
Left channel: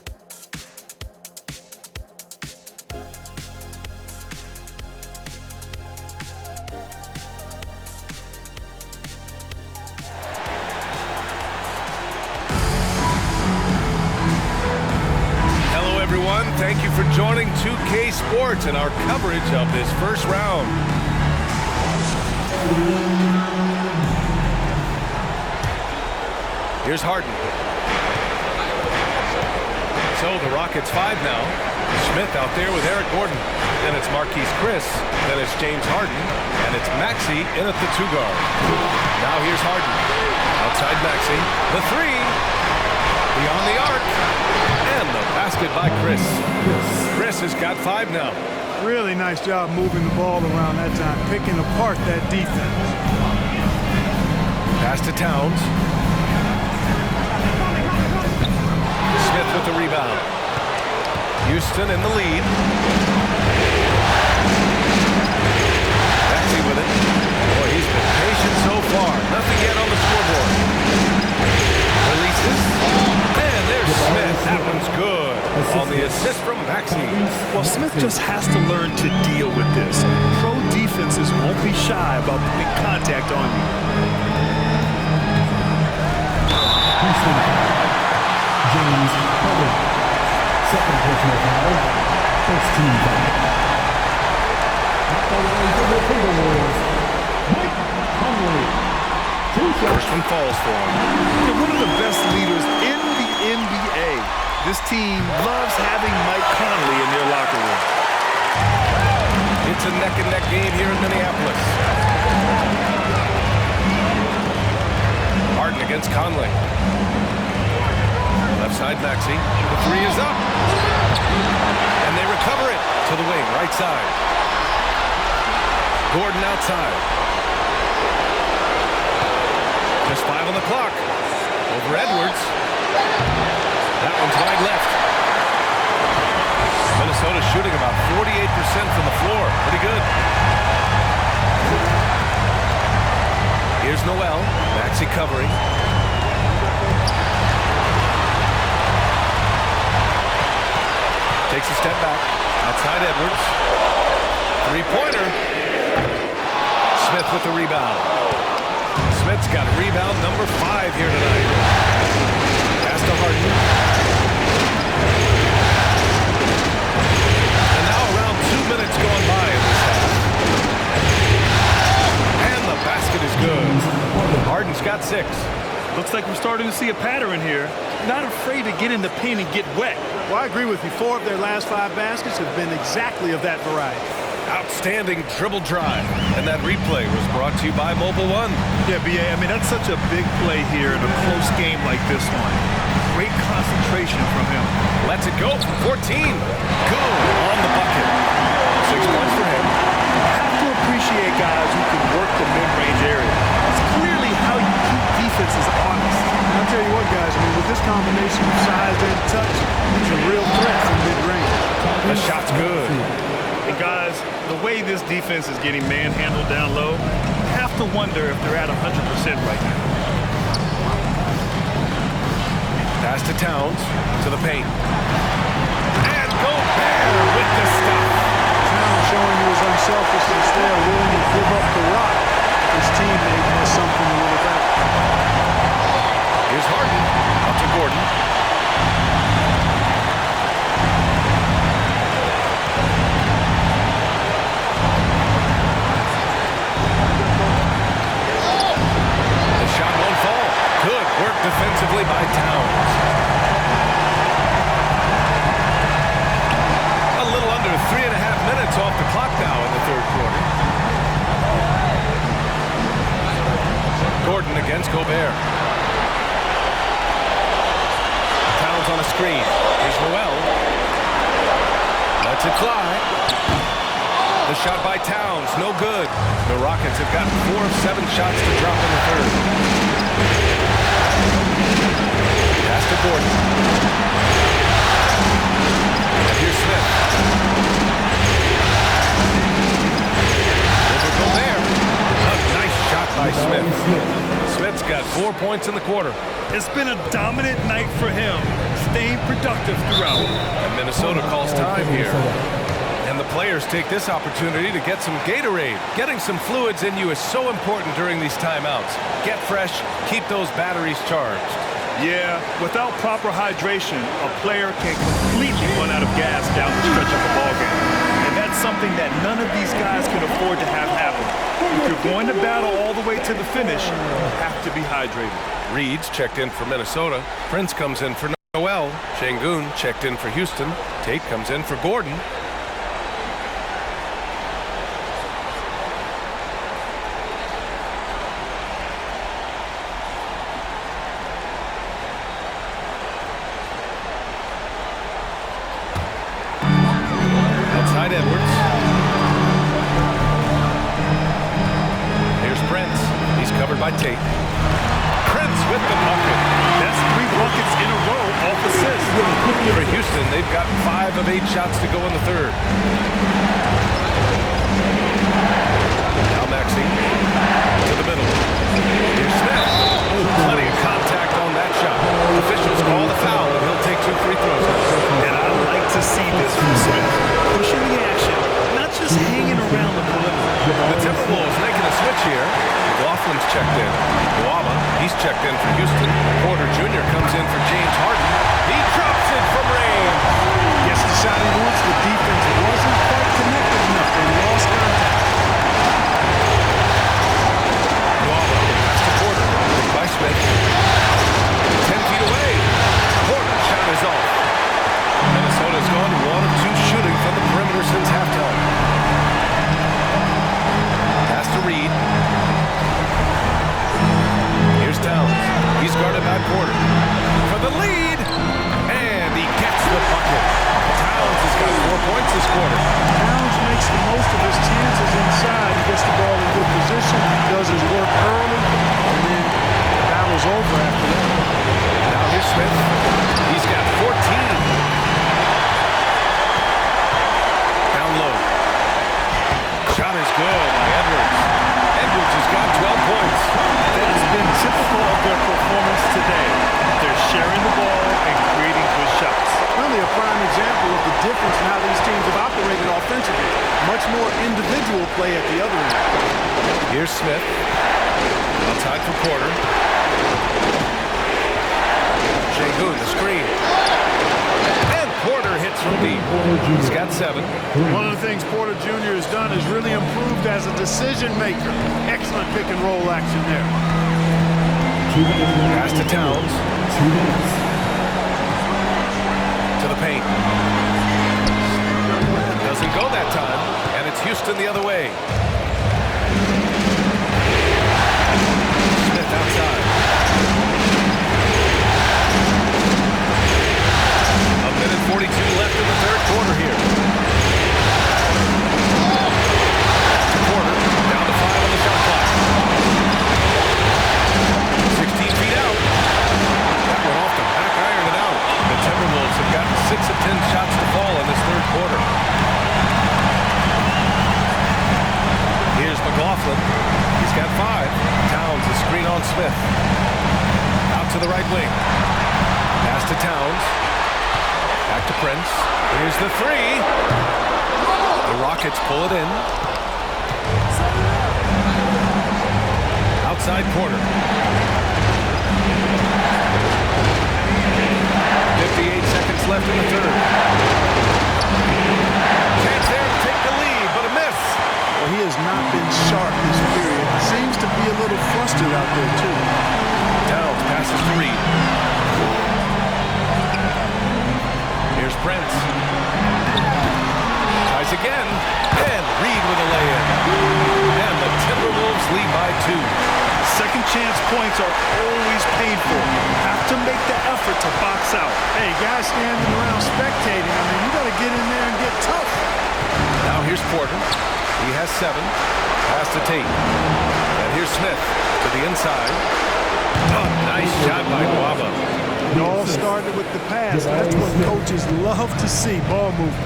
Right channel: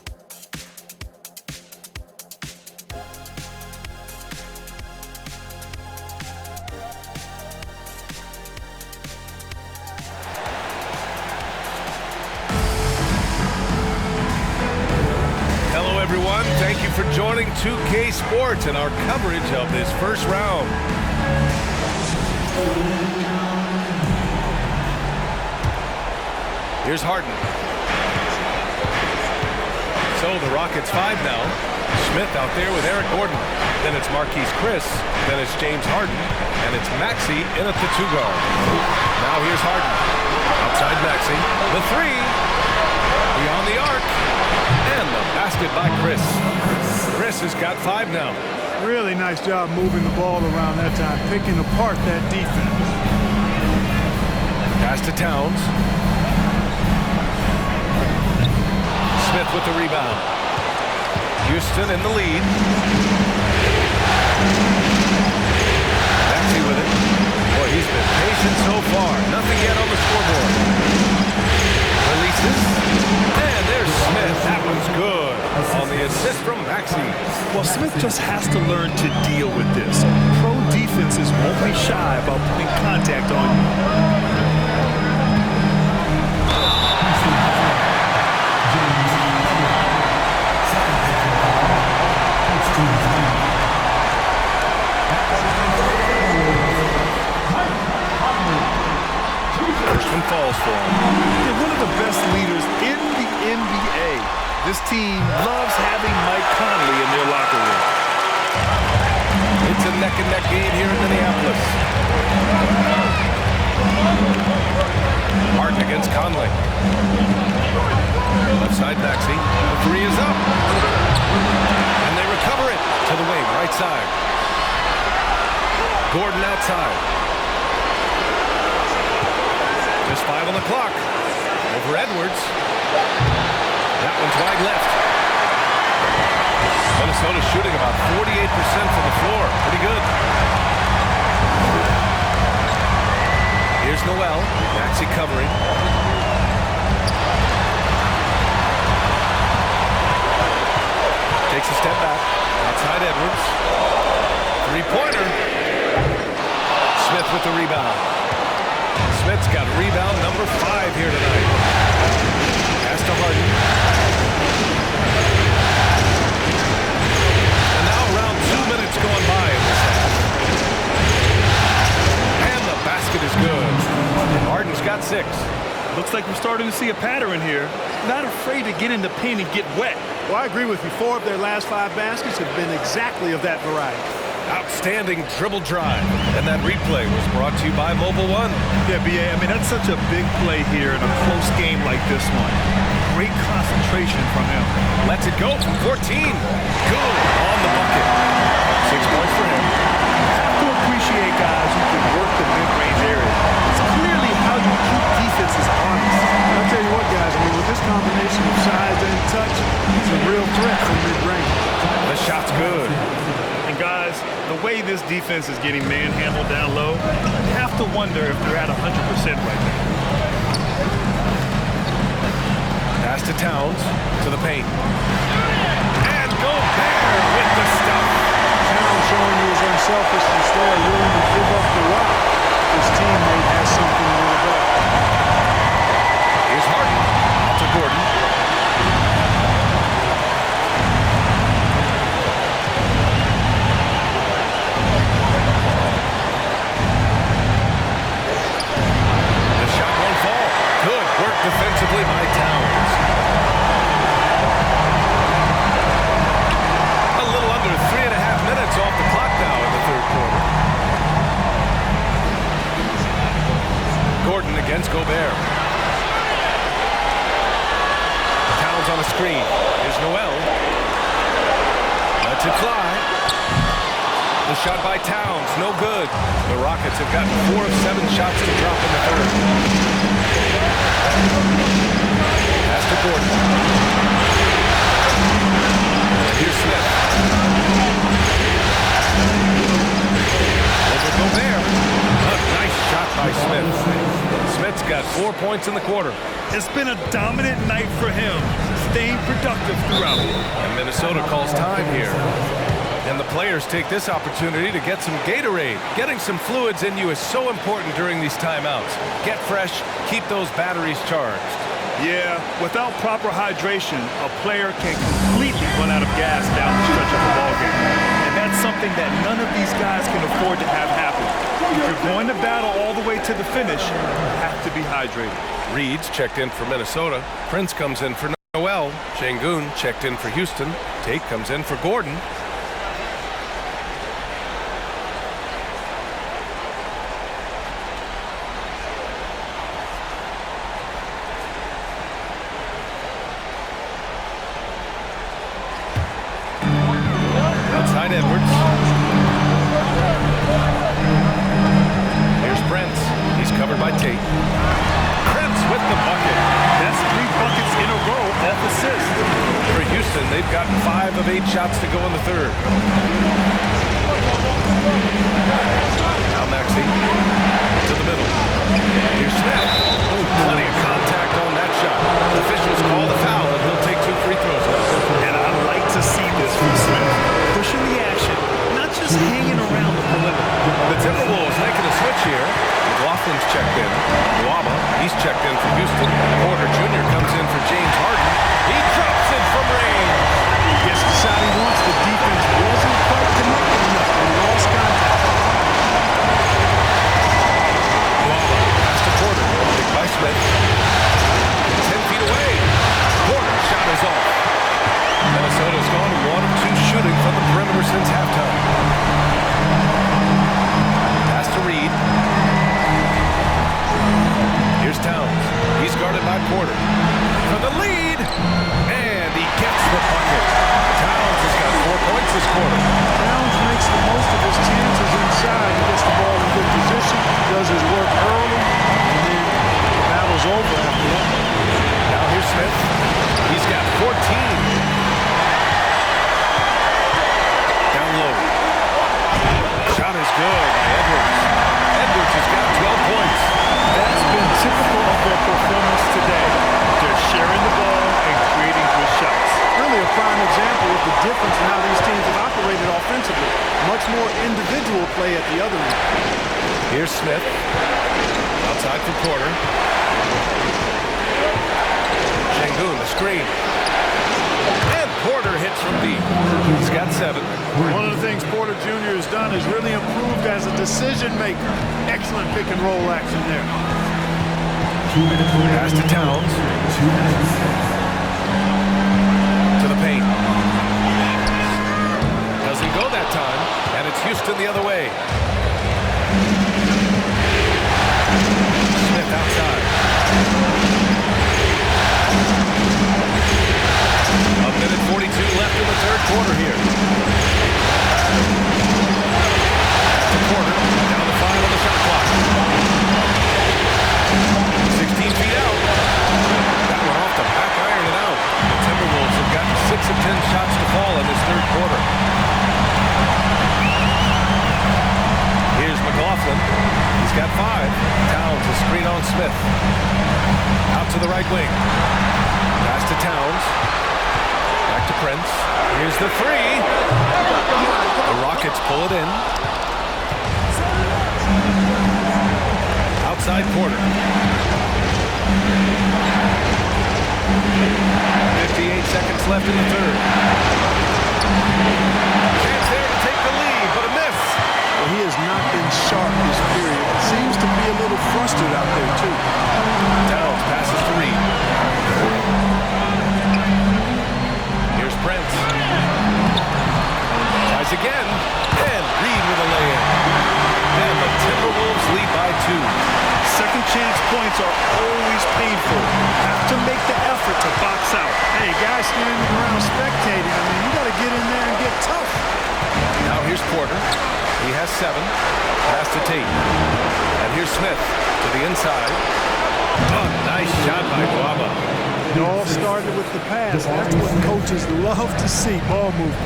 Hello, everyone. Thank you for joining 2K Sports and our coverage of this first round. Here's Harden. So the Rockets 5 now. Smith out there with Eric Gordon. Then it's Marquise Chris. Then it's James Harden. And it's Maxey in at the 2 guard. Now here's Harden. Outside Maxey. The 3. Beyond the arc. And the basket by Chris. Chris has got 5 now. Really nice job moving the ball around that time, picking apart that defense. Pass to Towns. Smith with the rebound. Houston in the lead. Maxey with it. Boy, he's been patient so far. Nothing yet on the scoreboard. Releases. And there's Smith. That one's good. On the assist from Maxey. Well, Smith just has to learn to deal with this. Pro defenses won't be shy about putting contact on you. Houston foul. James Harden. Second personal foul. First team foul. At the line for the Timberwolves, Mike Conley. First one falls for him. They're one of the best leaders in the NBA. This team loves having Mike Conley in their locker room. It's a neck-and-neck game here in Minneapolis. Harden against Conley. Left side Maxey. The 3 is up. And they recover it to the wing, right side. Gordon outside. Just 5 on the clock. Over Edwards. That one's wide left. Minnesota shooting about 48% from the floor. Pretty good. Here's Noel. Maxey covering. Takes a step back. Outside Edwards. 3-pointer. Smith with the rebound. Smith's got rebound number 5 here tonight. Pass to Harden. And now around 2 minutes going by in this half. And the basket is good. Harden's got 6. Looks like we're starting to see a pattern here. Not afraid to get in the paint and get wet. Well, I agree with you. 4 of their last 5 baskets have been exactly of that variety. Outstanding dribble drive. And that replay was brought to you by Mobile One. Yeah, B.A., I mean, that's such a big play here in a close game like this one. Great concentration from him. Lets it go from 14. Good on the bucket. 6 points for him. You have to appreciate guys who can work the mid-range area. It's clearly how you keep defenses honest. And I'll tell you what, guys, I mean, with this combination of size and touch, he's a real threat from mid-range. The shot's good. And guys, the way this defense is getting manhandled down low, you have to wonder if they're at 100% right now. Pass to Towns, to the paint. And Gobert with the stuff. Towns showing you his unselfishness there, willing to give up the rock. His teammate has something a little better. Here's Harden. Out to Gordon. The shot won't fall. Good work defensively by Towns. A little under 3.5 minutes off the clock now in the third quarter. Gordon against Gobert. Towns on a screen. Here's Noel. Lets it fly. The shot by Towns, no good. The Rockets have gotten 4 of 7 shots to drop in the third. Pass to Gordon. And here's Smith. Over Gobert. A nice shot by Smith. Smith's got 4 points in the quarter. It's been a dominant night for him, staying productive throughout. And Minnesota calls time here. And the players take this opportunity to get some Gatorade. Getting some fluids in you is so important during these timeouts. Get fresh, keep those batteries charged. Yeah, without proper hydration, a player can completely run out of gas down the stretch of a ball game. And that's something that none of these guys can afford to have happen. If you're going to battle all the way to the finish, you have to be hydrated. Reed's checked in for Minnesota. Prince comes in for Noel. Şengün checked in for Houston. Tate comes in for Gordon. Outside Edwards. Here's Prince. He's covered by Tate. Prince with the bucket. That's 3 buckets in a row off assists. For Houston, they've gotten 5 of 8 shots to go in the third. Now Maxey to the middle. Here's Smith. Oh, plenty of contact on that shot. Officials call the foul, and he'll take 2 free throws now. And I like to see this from Smith. Pushing the action, not just hanging around the perimeter. The Timberwolves making a switch here. McLaughlin's checked in. Nwaba, he's checked in for Houston. Porter Jr. comes in for James Harden. He drops it from range. Gets the shot he wants. The defense wasn't quite connected enough. They lost contact. Nwaba, pass to Porter. Picked by Smith. 10 feet away. Porter's shot is off. Minnesota's gone 1 of 2 shooting from the perimeter since halftime. Pass to Reed. Here's Towns. He's guarded by Porter. For the lead. And he gets the bucket. Towns has got 4 points this quarter. Towns makes the most of his chances inside. He gets the ball in good position, does his work early, and then the battle's over after that. Now here's Smith. He's got 14. Down low. Shot is good by Edwards. Edwards has got 12 points. That's been typical of their performance today. They're sharing the ball and creating good shots. Really a prime example of the difference in how these teams have operated offensively. Much more individual play at the other end. Here's Smith. Outside for Porter. Şengün, the screen. And Porter hits from deep. He's got 7. One of the things Porter Jr. has done is really improved as a decision maker. Excellent pick and roll action there. 2 minutes remaining. Pass to Towns. 2 minutes. To the paint. Doesn't go that time. And it's Houston the other way. Smith outside. A minute 42 left in the third quarter here. To Porter. Down to 5 on the shot clock. 16 feet out. That went off the back iron and out. The Timberwolves have gotten 6 of 10 shots to fall in this third quarter. Here's McLaughlin. He's got 5. Towns a screen on Smith. Out to the right wing. Pass to Towns. Back to Prince. Here's the three. The Rockets pull it in. Outside Porter. 58 seconds left in the third. Chance there to take the lead, but a miss. Well, he has not been sharp this period. Seems to be a little flustered out there, too. Towns passes to Reed. Here's Prince. Tries again, and Reed with a lay-in. And the Timberwolves lead by 2. Second chance points are always painful. Have to make the effort to box out. Hey, guys standing around spectating, I mean, you got to get in there and get tough. Now here's Porter. He has 7. Pass to Tate. And here's Smith to the inside. Oh, nice shot by Nwaba. It all started with the pass. That's what coaches love to see, ball movement.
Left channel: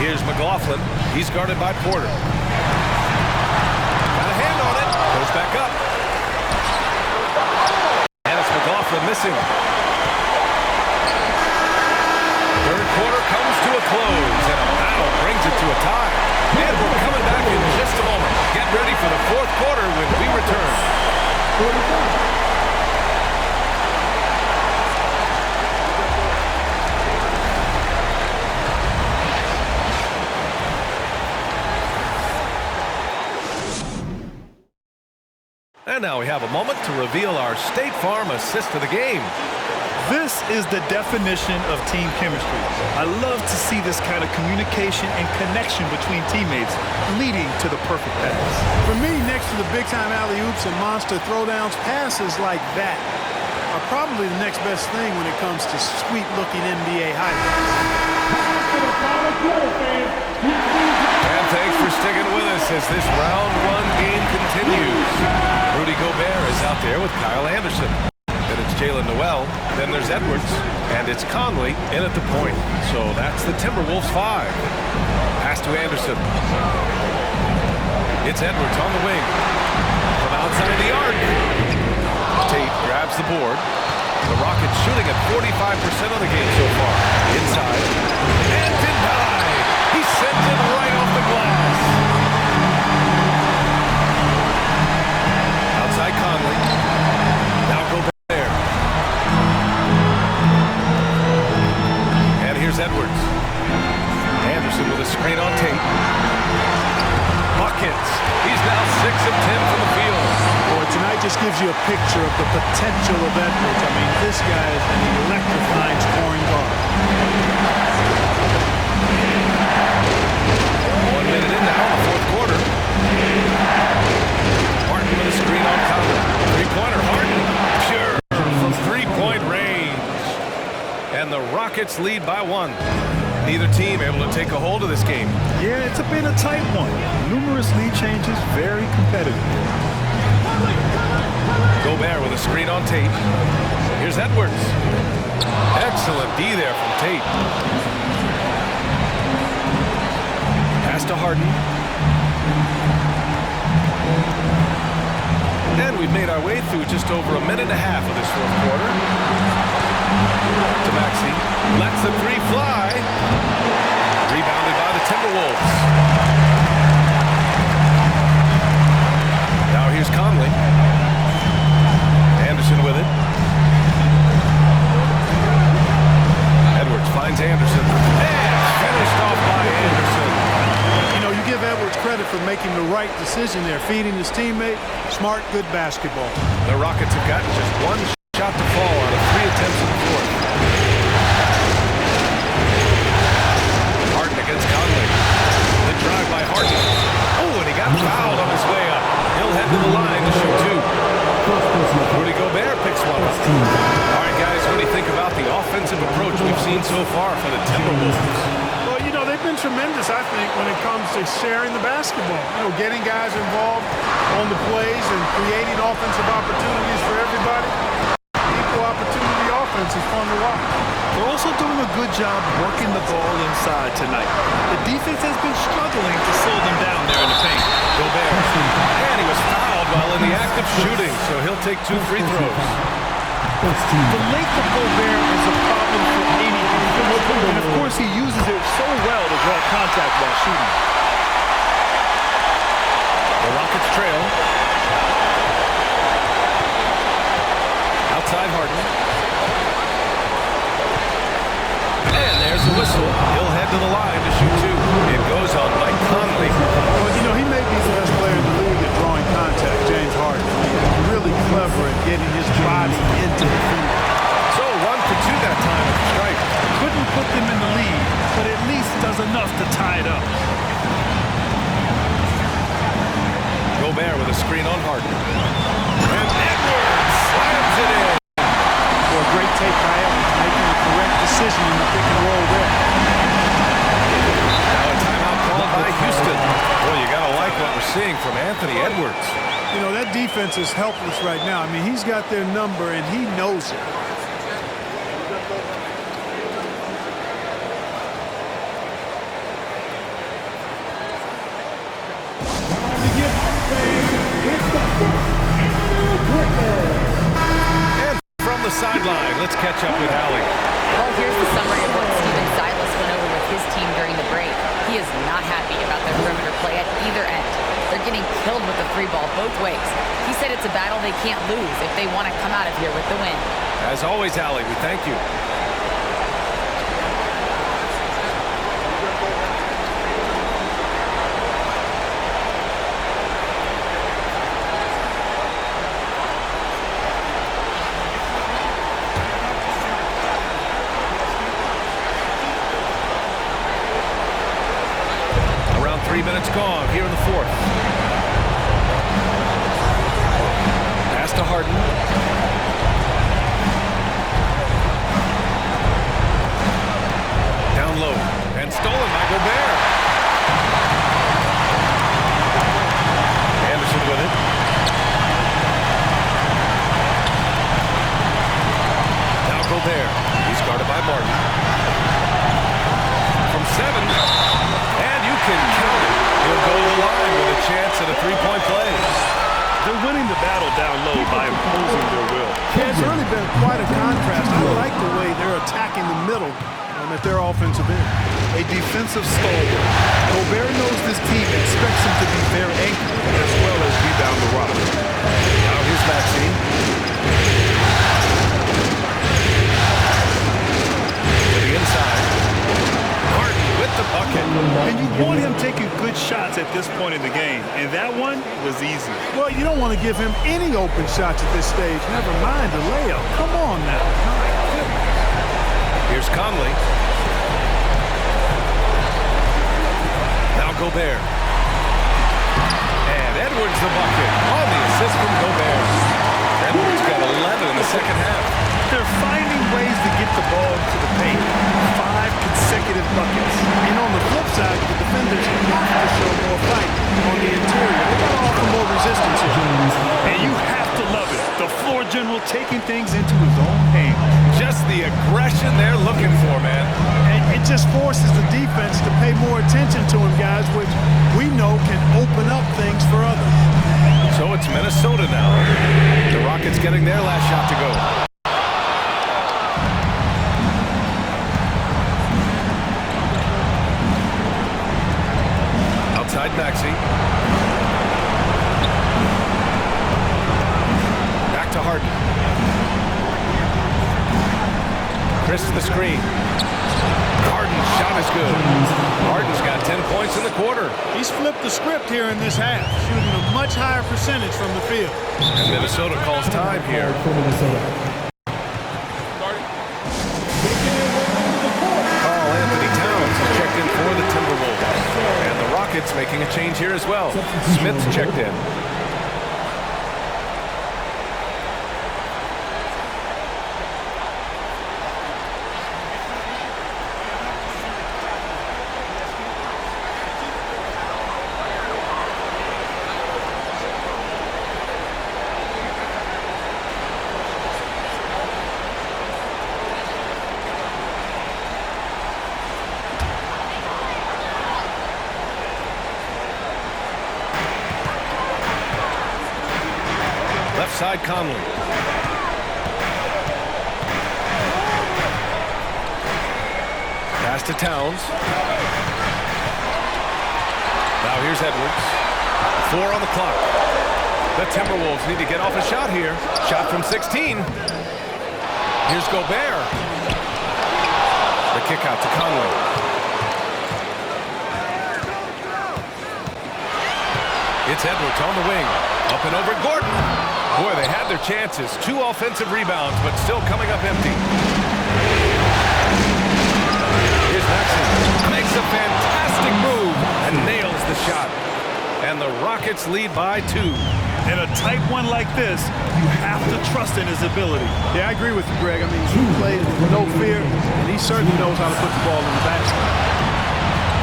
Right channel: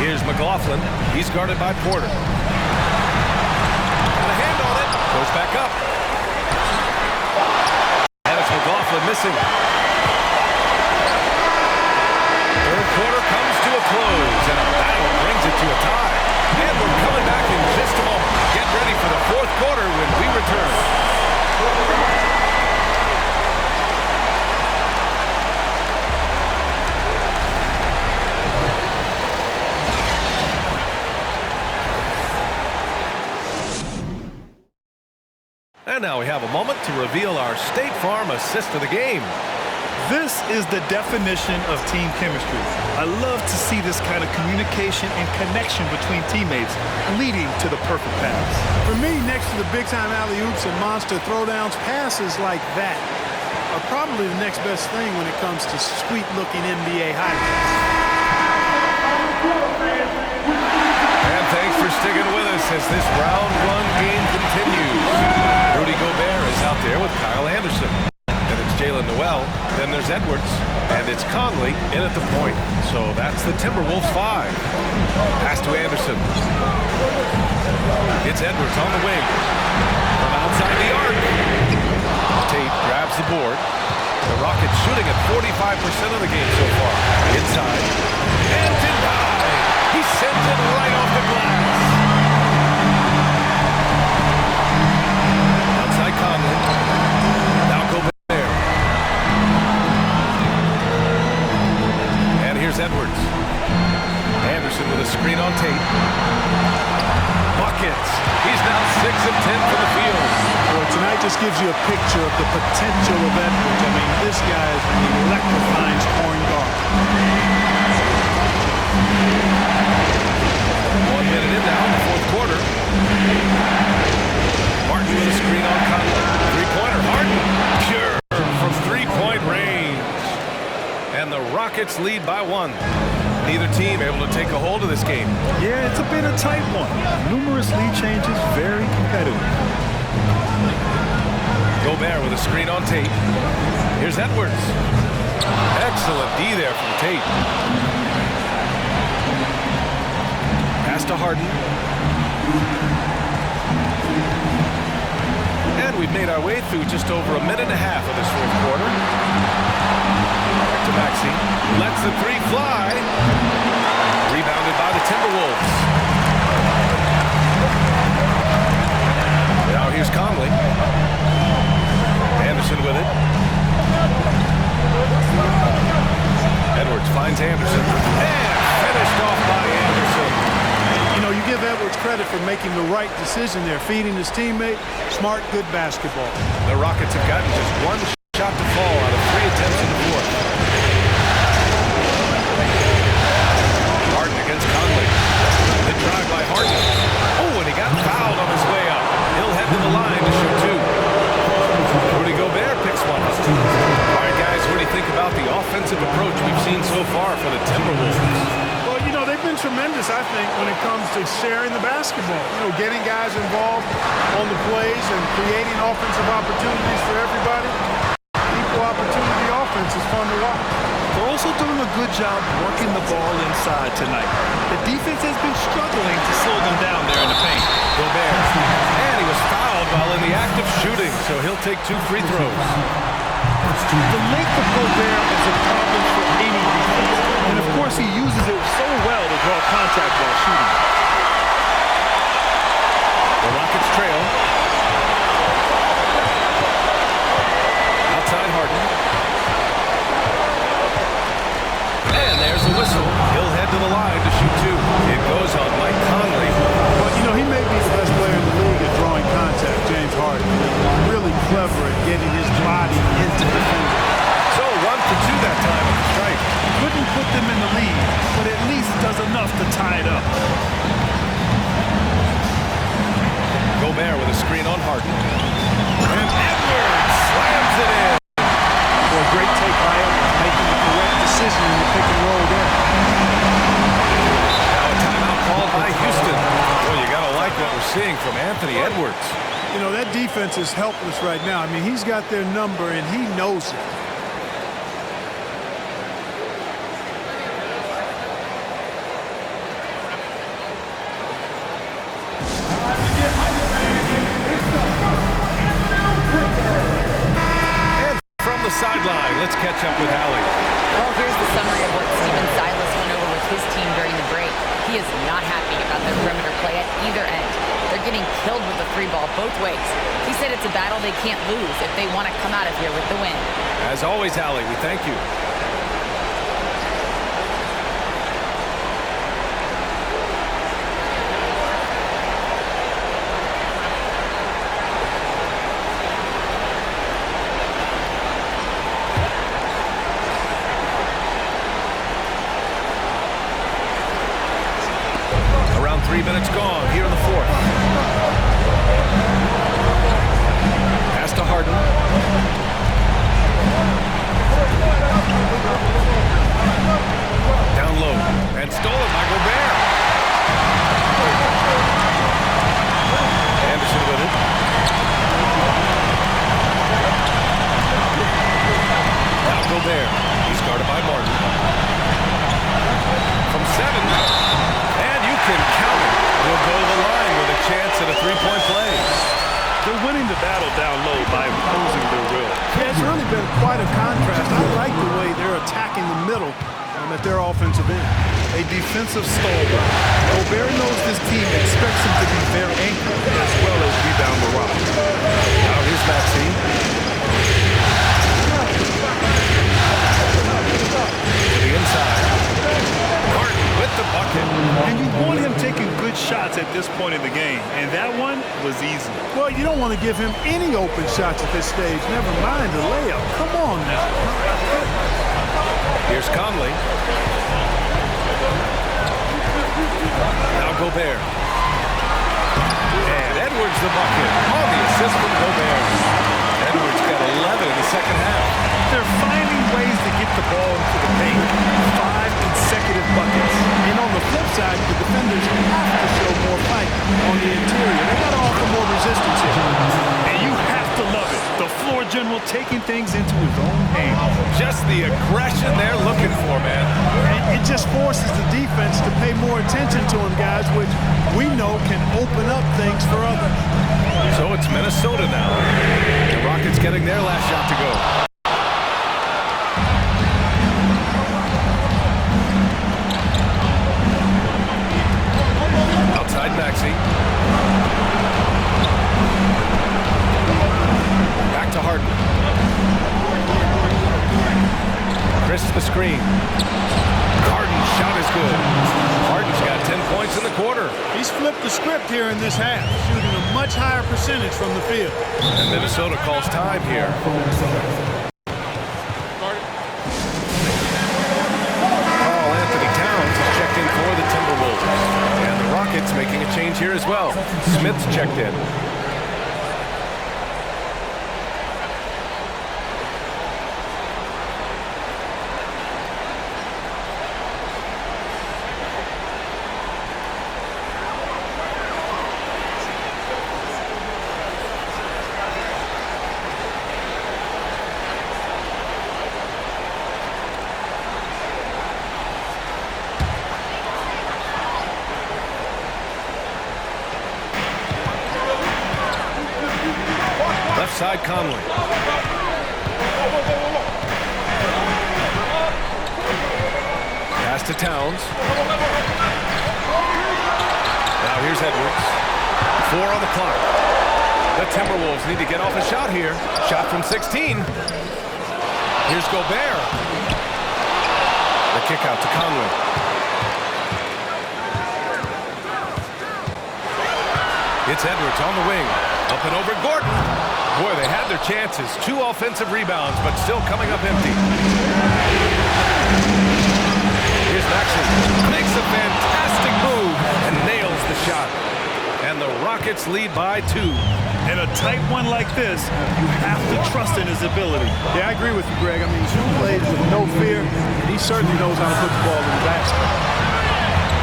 Here's McLaughlin. He's guarded by Porter. Got a hand on it. Goes back up. And it's McLaughlin missing. Third quarter comes to a close, and a battle brings it to a tie. And we're coming back in just a moment. Get ready for the fourth quarter when we return. And now we have a moment to reveal our State Farm assist of the game. This is the definition of team chemistry. I love to see this kind of communication and connection between teammates leading to the perfect pass. For me, next to the big-time alley-oops and monster throwdowns, passes like that are probably the next best thing when it comes to sweet-looking NBA highlights. And thanks for sticking with us as this round 1 game continues. Rudy Gobert is out there with Kyle Anderson. Then it's Jalen Noel. Then there's Edwards. And it's Conley in at the point. So that's the Timberwolves 5. Pass to Anderson. It's Edwards on the wing. From outside the arc. Tate grabs the board. The Rockets shooting at 45% of the game so far. Inside. And denied. He sends it right off the glass. Outside Conley. Now Gobert. And here's Edwards. Anderson with a screen on Tate. Buckets. He's now 6 of 10 from the field. Boy, tonight just gives you a picture of the potential of Edwards. I mean, this guy is an electrifying scoring guard. 1 minute in now in the fourth quarter. Harden with a screen on Conley. Three-pointer, Harden. Pure from three-point range. And the Rockets lead by 1. Neither team able to take a hold of this game. Yeah, it's been a tight one. Numerous lead changes, very competitive. Gobert with a screen on Tate. Here's Edwards. Excellent D there from Tate. Pass to Harden. And we've made our way through just over a minute and a half of this fourth quarter. Back to Maxey. Lets the three fly. Rebounded by the Timberwolves. Now here's Conley. Anderson with it. Edwards finds Anderson. And finished off by Anderson. You know, you give Edwards credit for making the right decision there, feeding his teammate. Smart, good basketball. The Rockets have gotten just one shot to fall out of 3 attempts in the fourth. Harden against Conley. The drive by Harden. Oh, and he got fouled on his way up. He'll head to the line to shoot 2. Rudy Gobert picks one up. All right, guys, what do you think about the offensive approach we've seen so far for the Timberwolves? Well, you know, they've been tremendous, I think, when it comes to sharing the basketball. You know, getting guys involved on the plays and creating offensive opportunities for everybody. Equal opportunity offense is fun to watch. They're also doing a good job working the ball inside tonight. The defense has been struggling to slow them down there in the paint. Gobert. And he was fouled while in the act of shooting, so he'll take 2 free throws. First team. The length of Gobert is a problem for any defense. And of course, he uses it so well to draw contact while shooting. The Rockets trail. Outside Harden. And there's the whistle. He'll head to the line to shoot two. It goes on Mike Conley. Well, you know, he may be the best player in the league at drawing contact, James Harden. I mean, he's really clever at getting his body into defenders. So 1 for 2 that time at the stripe. Couldn't put them in the lead, but at least does enough to tie it up. Gobert with a screen on Harden. And Edwards slams it in. Or a great take by Edwards, making the correct decision in the pick and roll there. Now a timeout called by Houston. Boy, you got to like what we're seeing from Anthony Edwards. You know, that defense is helpless right now. I mean, he's got their number, and he knows it. The sideline. Let's catch up with Allie. Well, here's the summary of what Steven Silas went over with his team during the break. He is not happy about their perimeter play at either end. They're getting killed with the three ball both ways. He said it's a battle they can't lose if they want to come out of here with the win. As always, Allie, we thank you. Around 3 minutes gone here in the fourth. Pass to Harden. Down low and stolen by Gobert. Anderson with it. Now Gobert. He's guarded by Martin. From 7. And you can count it. He'll go to the line with a chance at a three-point play. They're winning the battle down low by imposing their will. Yeah, it's really been quite a contrast. I like the way they're attacking the middle at their offensive end. A defensive stalwart. Gobert knows this team expects him to be their anchor as well as rebound the rock. Now here's Maxey. To the inside. Harden with the bucket. And you want him taking good shots at this point in the game, and that one was easy. Well, you don't want to give him any open shots at this stage, never mind a layup. Come on now. My goodness. Here's Conley. Now Gobert. And Edwards the bucket on the assist from Gobert. Edwards got 11 in the second half. They're finding ways to get the ball into the paint. 5 consecutive buckets. And on the flip side, the defenders have to show more fight on the interior. They've got to offer more resistance here. And you have to love it. The floor general taking things into his own hands. Just the aggression they're looking for, man. And it just forces the defense to pay more attention to him, guys, which we know can open up things for others. So it's Minnesota now. The Rockets getting their last shot to go. Outside Maxey. Back to Harden. Chris the screen. Harden's shot is good. Harden's got 10 points in the quarter. He's flipped the script here in this half, shooting a much higher percentage from the field. And Minnesota calls time here. Karl Anthony Towns has checked in for the Timberwolves. And the Rockets making a change here as well. Smith's checked in. Left side Conley. Pass to Towns. Now here's Edwards. 4 on the clock. The Timberwolves need to get off a shot here. Shot from 16. Here's Gobert. The kick out to Conley. It's Edwards on the wing. Up and over Gordon. Boy, they had their chances. 2 offensive rebounds, but still coming up empty. Here's Maxey. Makes a fantastic move and nails the shot. And the Rockets lead by 2. In a tight one like this, you have to trust in his ability. Yeah, I agree with you, Greg. I mean, he plays with no fear, and he certainly knows how to put the ball in the basket.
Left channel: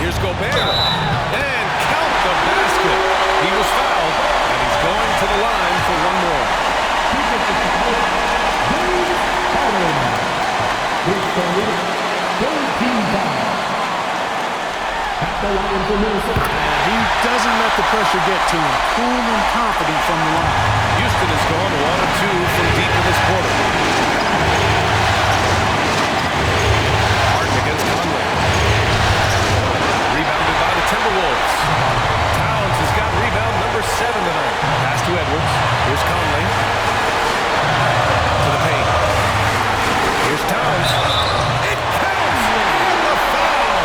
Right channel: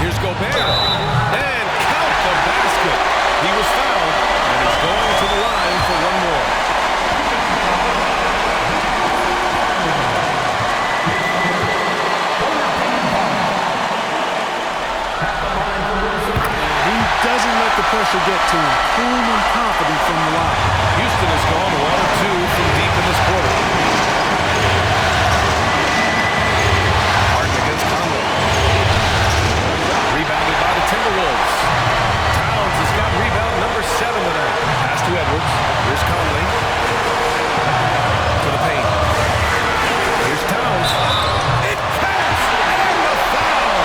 Here's Gobert. And count the basket. He was fouled, and he's going to the line for one more. And he doesn't let the pressure get to him. Cool and confident from the line. Houston has gone 1 of 2 from deep in this quarter. Harden against Conley. Rebounded by the Timberwolves. Towns has got rebound number 7 tonight. Pass to Edwards. Here's Conley. To the paint. Here's Towns. It counts! And the foul!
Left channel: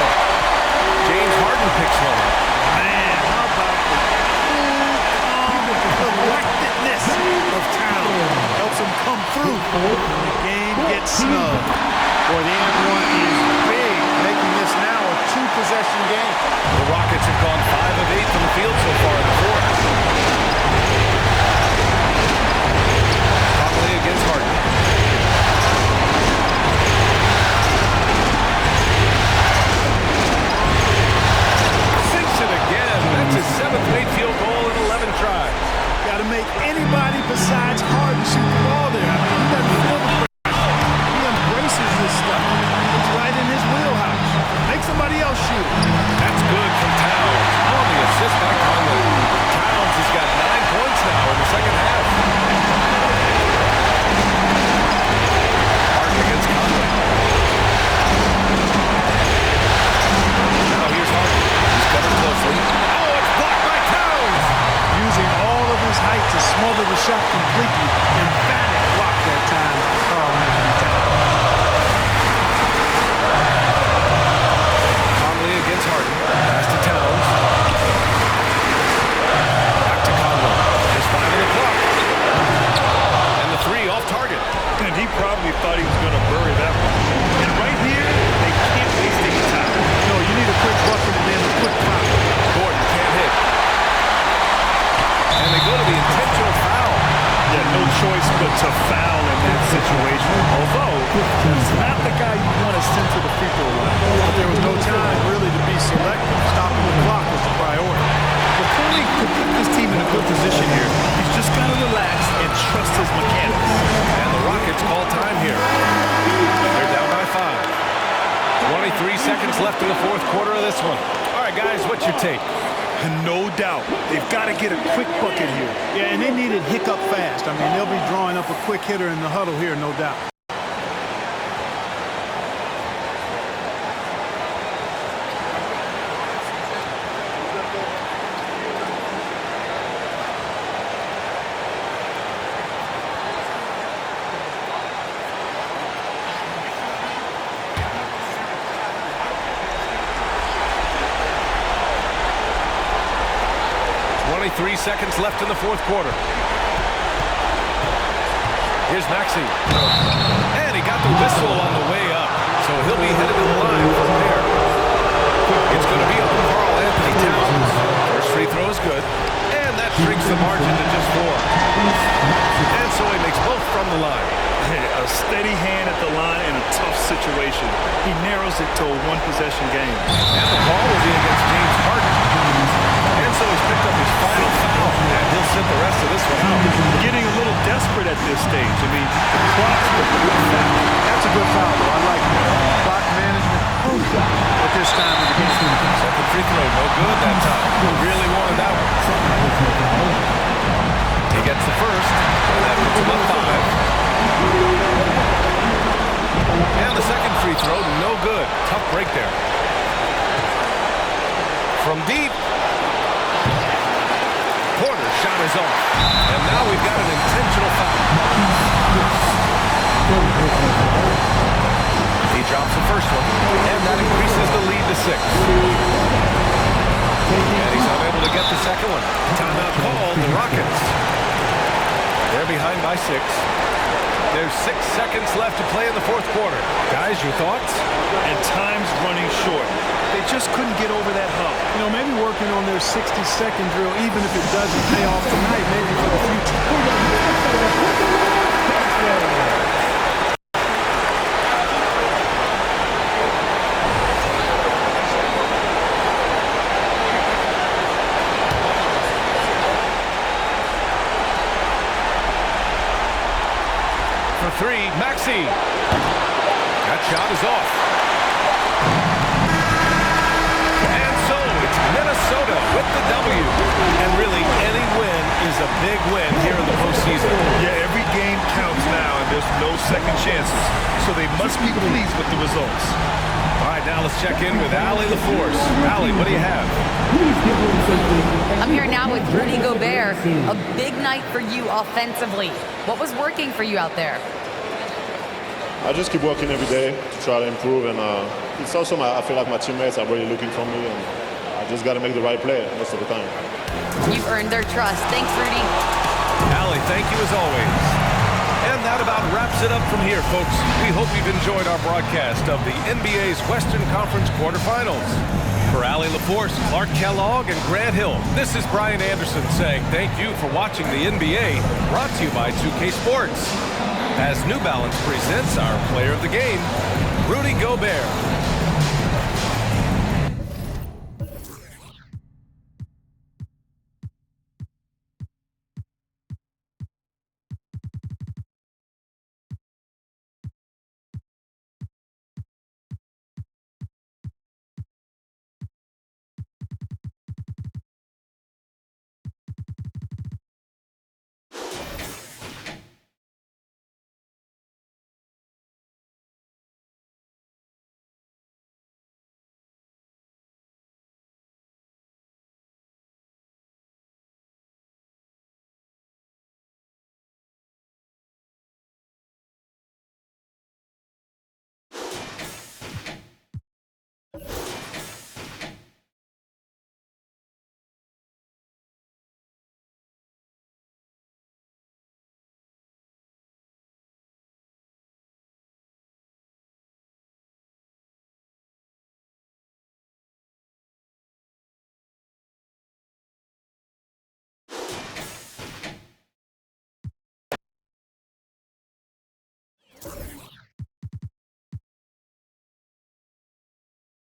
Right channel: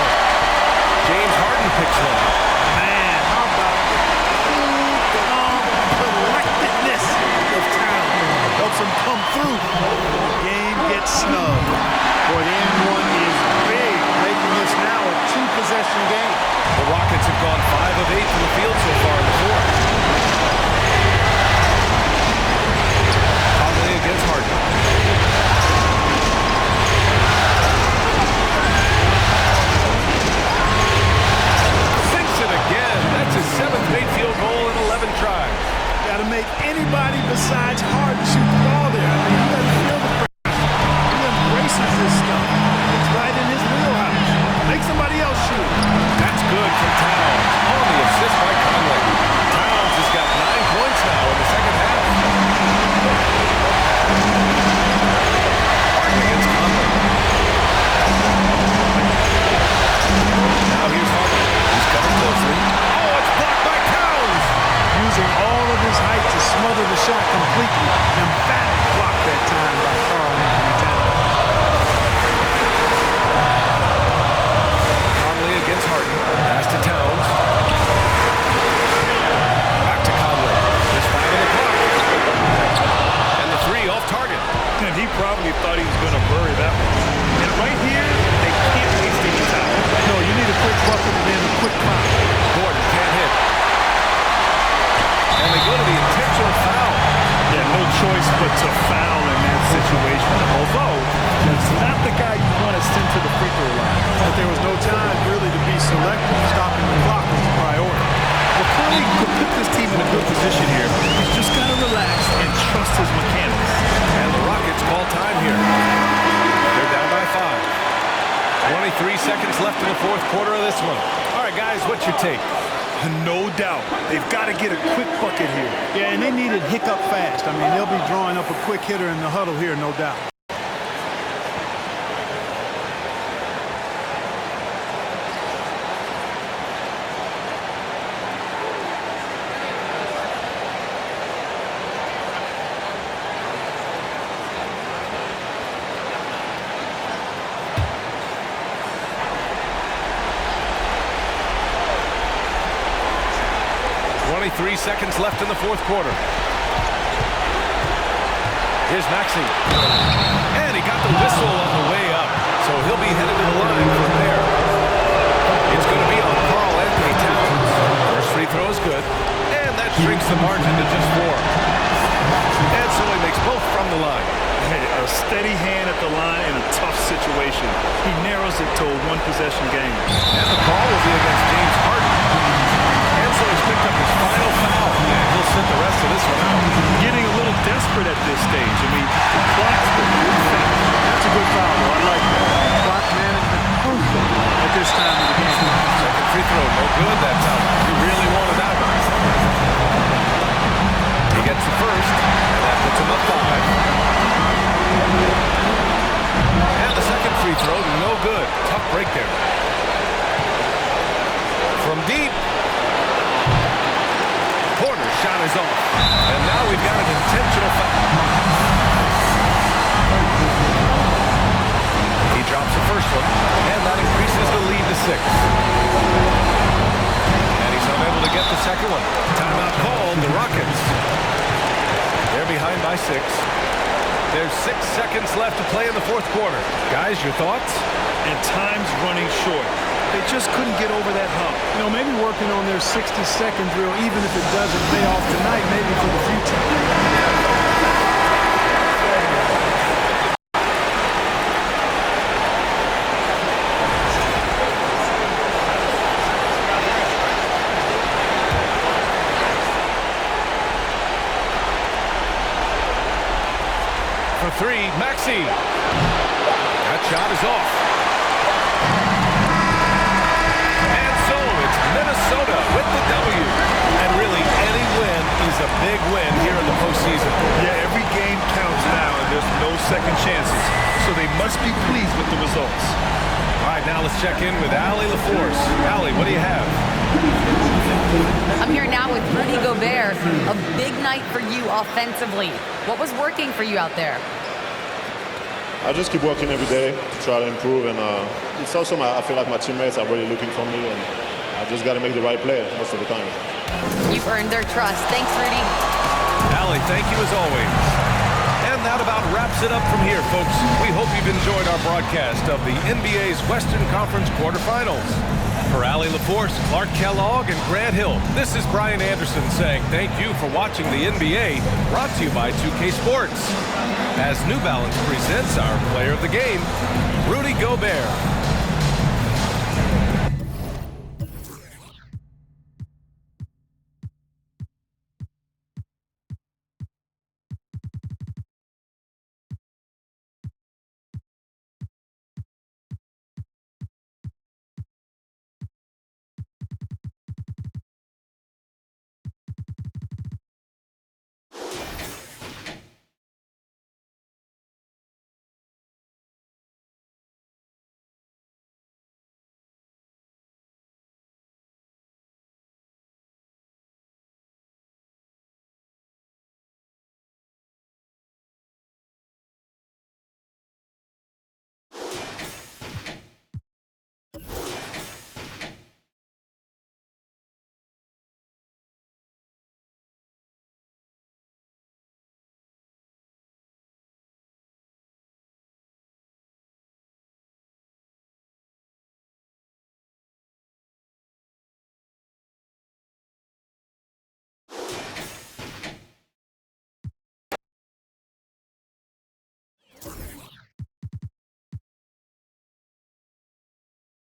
James Harden picks one up. Man, how about the cool, calm collectedness of Towns? Helps him come through when the game gets snug. Boy, the and one is big, making this now a 2-possession game. The Rockets have gone 5 of 8 from the field so far in the fourth. Conley against Harden. Sinks it again. That's his 7th made field goal in 11 tries. Got to make anybody besides Harden shoot the ball there. I mean, he doesn't feel the pressure. He embraces this stuff. It's right in his wheelhouse. Make somebody else shoot. That's good from Towns on the assist by Conley. Towns has got 9 points now in the second half. Harden against Conley. Now here's Harden. He's covered closely. Oh, it's blocked by Towns. Using all of his height to smother the shot completely. Emphatic block that time by Karl Anthony Towns. Conley against Harden. Pass to Towns. Back to Conley. Just 5 on the clock. And the 3 off target. And he probably thought he was going to bury that one. And right here, they can't waste any time. No, you need a quick bucket and then a quick foul. Gordon can't hit. And they go to the intentional foul. Yeah, no choice but to foul in that situation. Although, that's not the guy you want to send to the free throw line. But there was no time really to be selective. Stopping the clock was the priority. Well, Conley could put this team in a good position here. He's just got to relax and trust his mechanics. And the Rockets call time here. They're down by 5. 23 seconds left in the fourth quarter of this one. All right, guys, what's your take? No doubt. They've got to get a quick bucket here. Yeah, and they need it hiccup fast. I mean, they'll be drawing up a quick hitter in the huddle here, no doubt. Three seconds left in the fourth quarter. Here's Maxey. And he got the whistle on the way up, so he'll be headed to the line for a pair. It's going to be on Karl Anthony Towns. First free throw is good, and that shrinks the margin to just 4. And so he makes both from the line. Hey, a steady hand at the line in a tough situation. He narrows it to a 1-possession game. And the call will be against James Harden. And so he's picked up his final foul, and he'll sit the rest of this one out. Getting a little desperate at this stage. I mean, the clock's the big factor. That's a good foul, though. I like that. I mean, clock management crucial at this time of the game. Second free throw, no good that time. He really wanted that one. He gets the first, and that puts him up 5. And the second free throw, no good. Tough break there. From deep. Porter's shot is off. And now we've got an intentional foul. He drops the first one, and that increases the lead to 6. And he's unable to get the second one. Timeout called, the Rockets. They're behind by 6. There's 6 seconds left to play in the fourth quarter. Guys, your thoughts? And time's running short. They just couldn't get over that hump. You know, maybe working on their 60-second drill, even if it doesn't pay off tonight, maybe for the future. For 3, Maxey. That shot is off. And so it's Minnesota with the W. And really, any win is a big win here in the postseason. Yeah, every game counts now, and there's no second chances. So they must be pleased with the results. All right, now let's check in with Allie LaForce. Allie, what do you have? I'm here now with Rudy Gobert. A big night for you offensively. What was working for you out there? I just keep working every day to try to improve, and it's also I feel like my teammates are really looking for me, and I just got to make the right play most of the time. You've earned their trust. Thanks, Rudy. Allie, thank you as always. And that about wraps it up from here, folks. We hope you've enjoyed our broadcast of the NBA's Western Conference quarterfinals. For Allie LaForce, Clark Kellogg, and Grant Hill, this is Brian Anderson saying thank you for watching the NBA, brought to you by 2K Sports. As New Balance presents our player of the game, Rudy Gobert.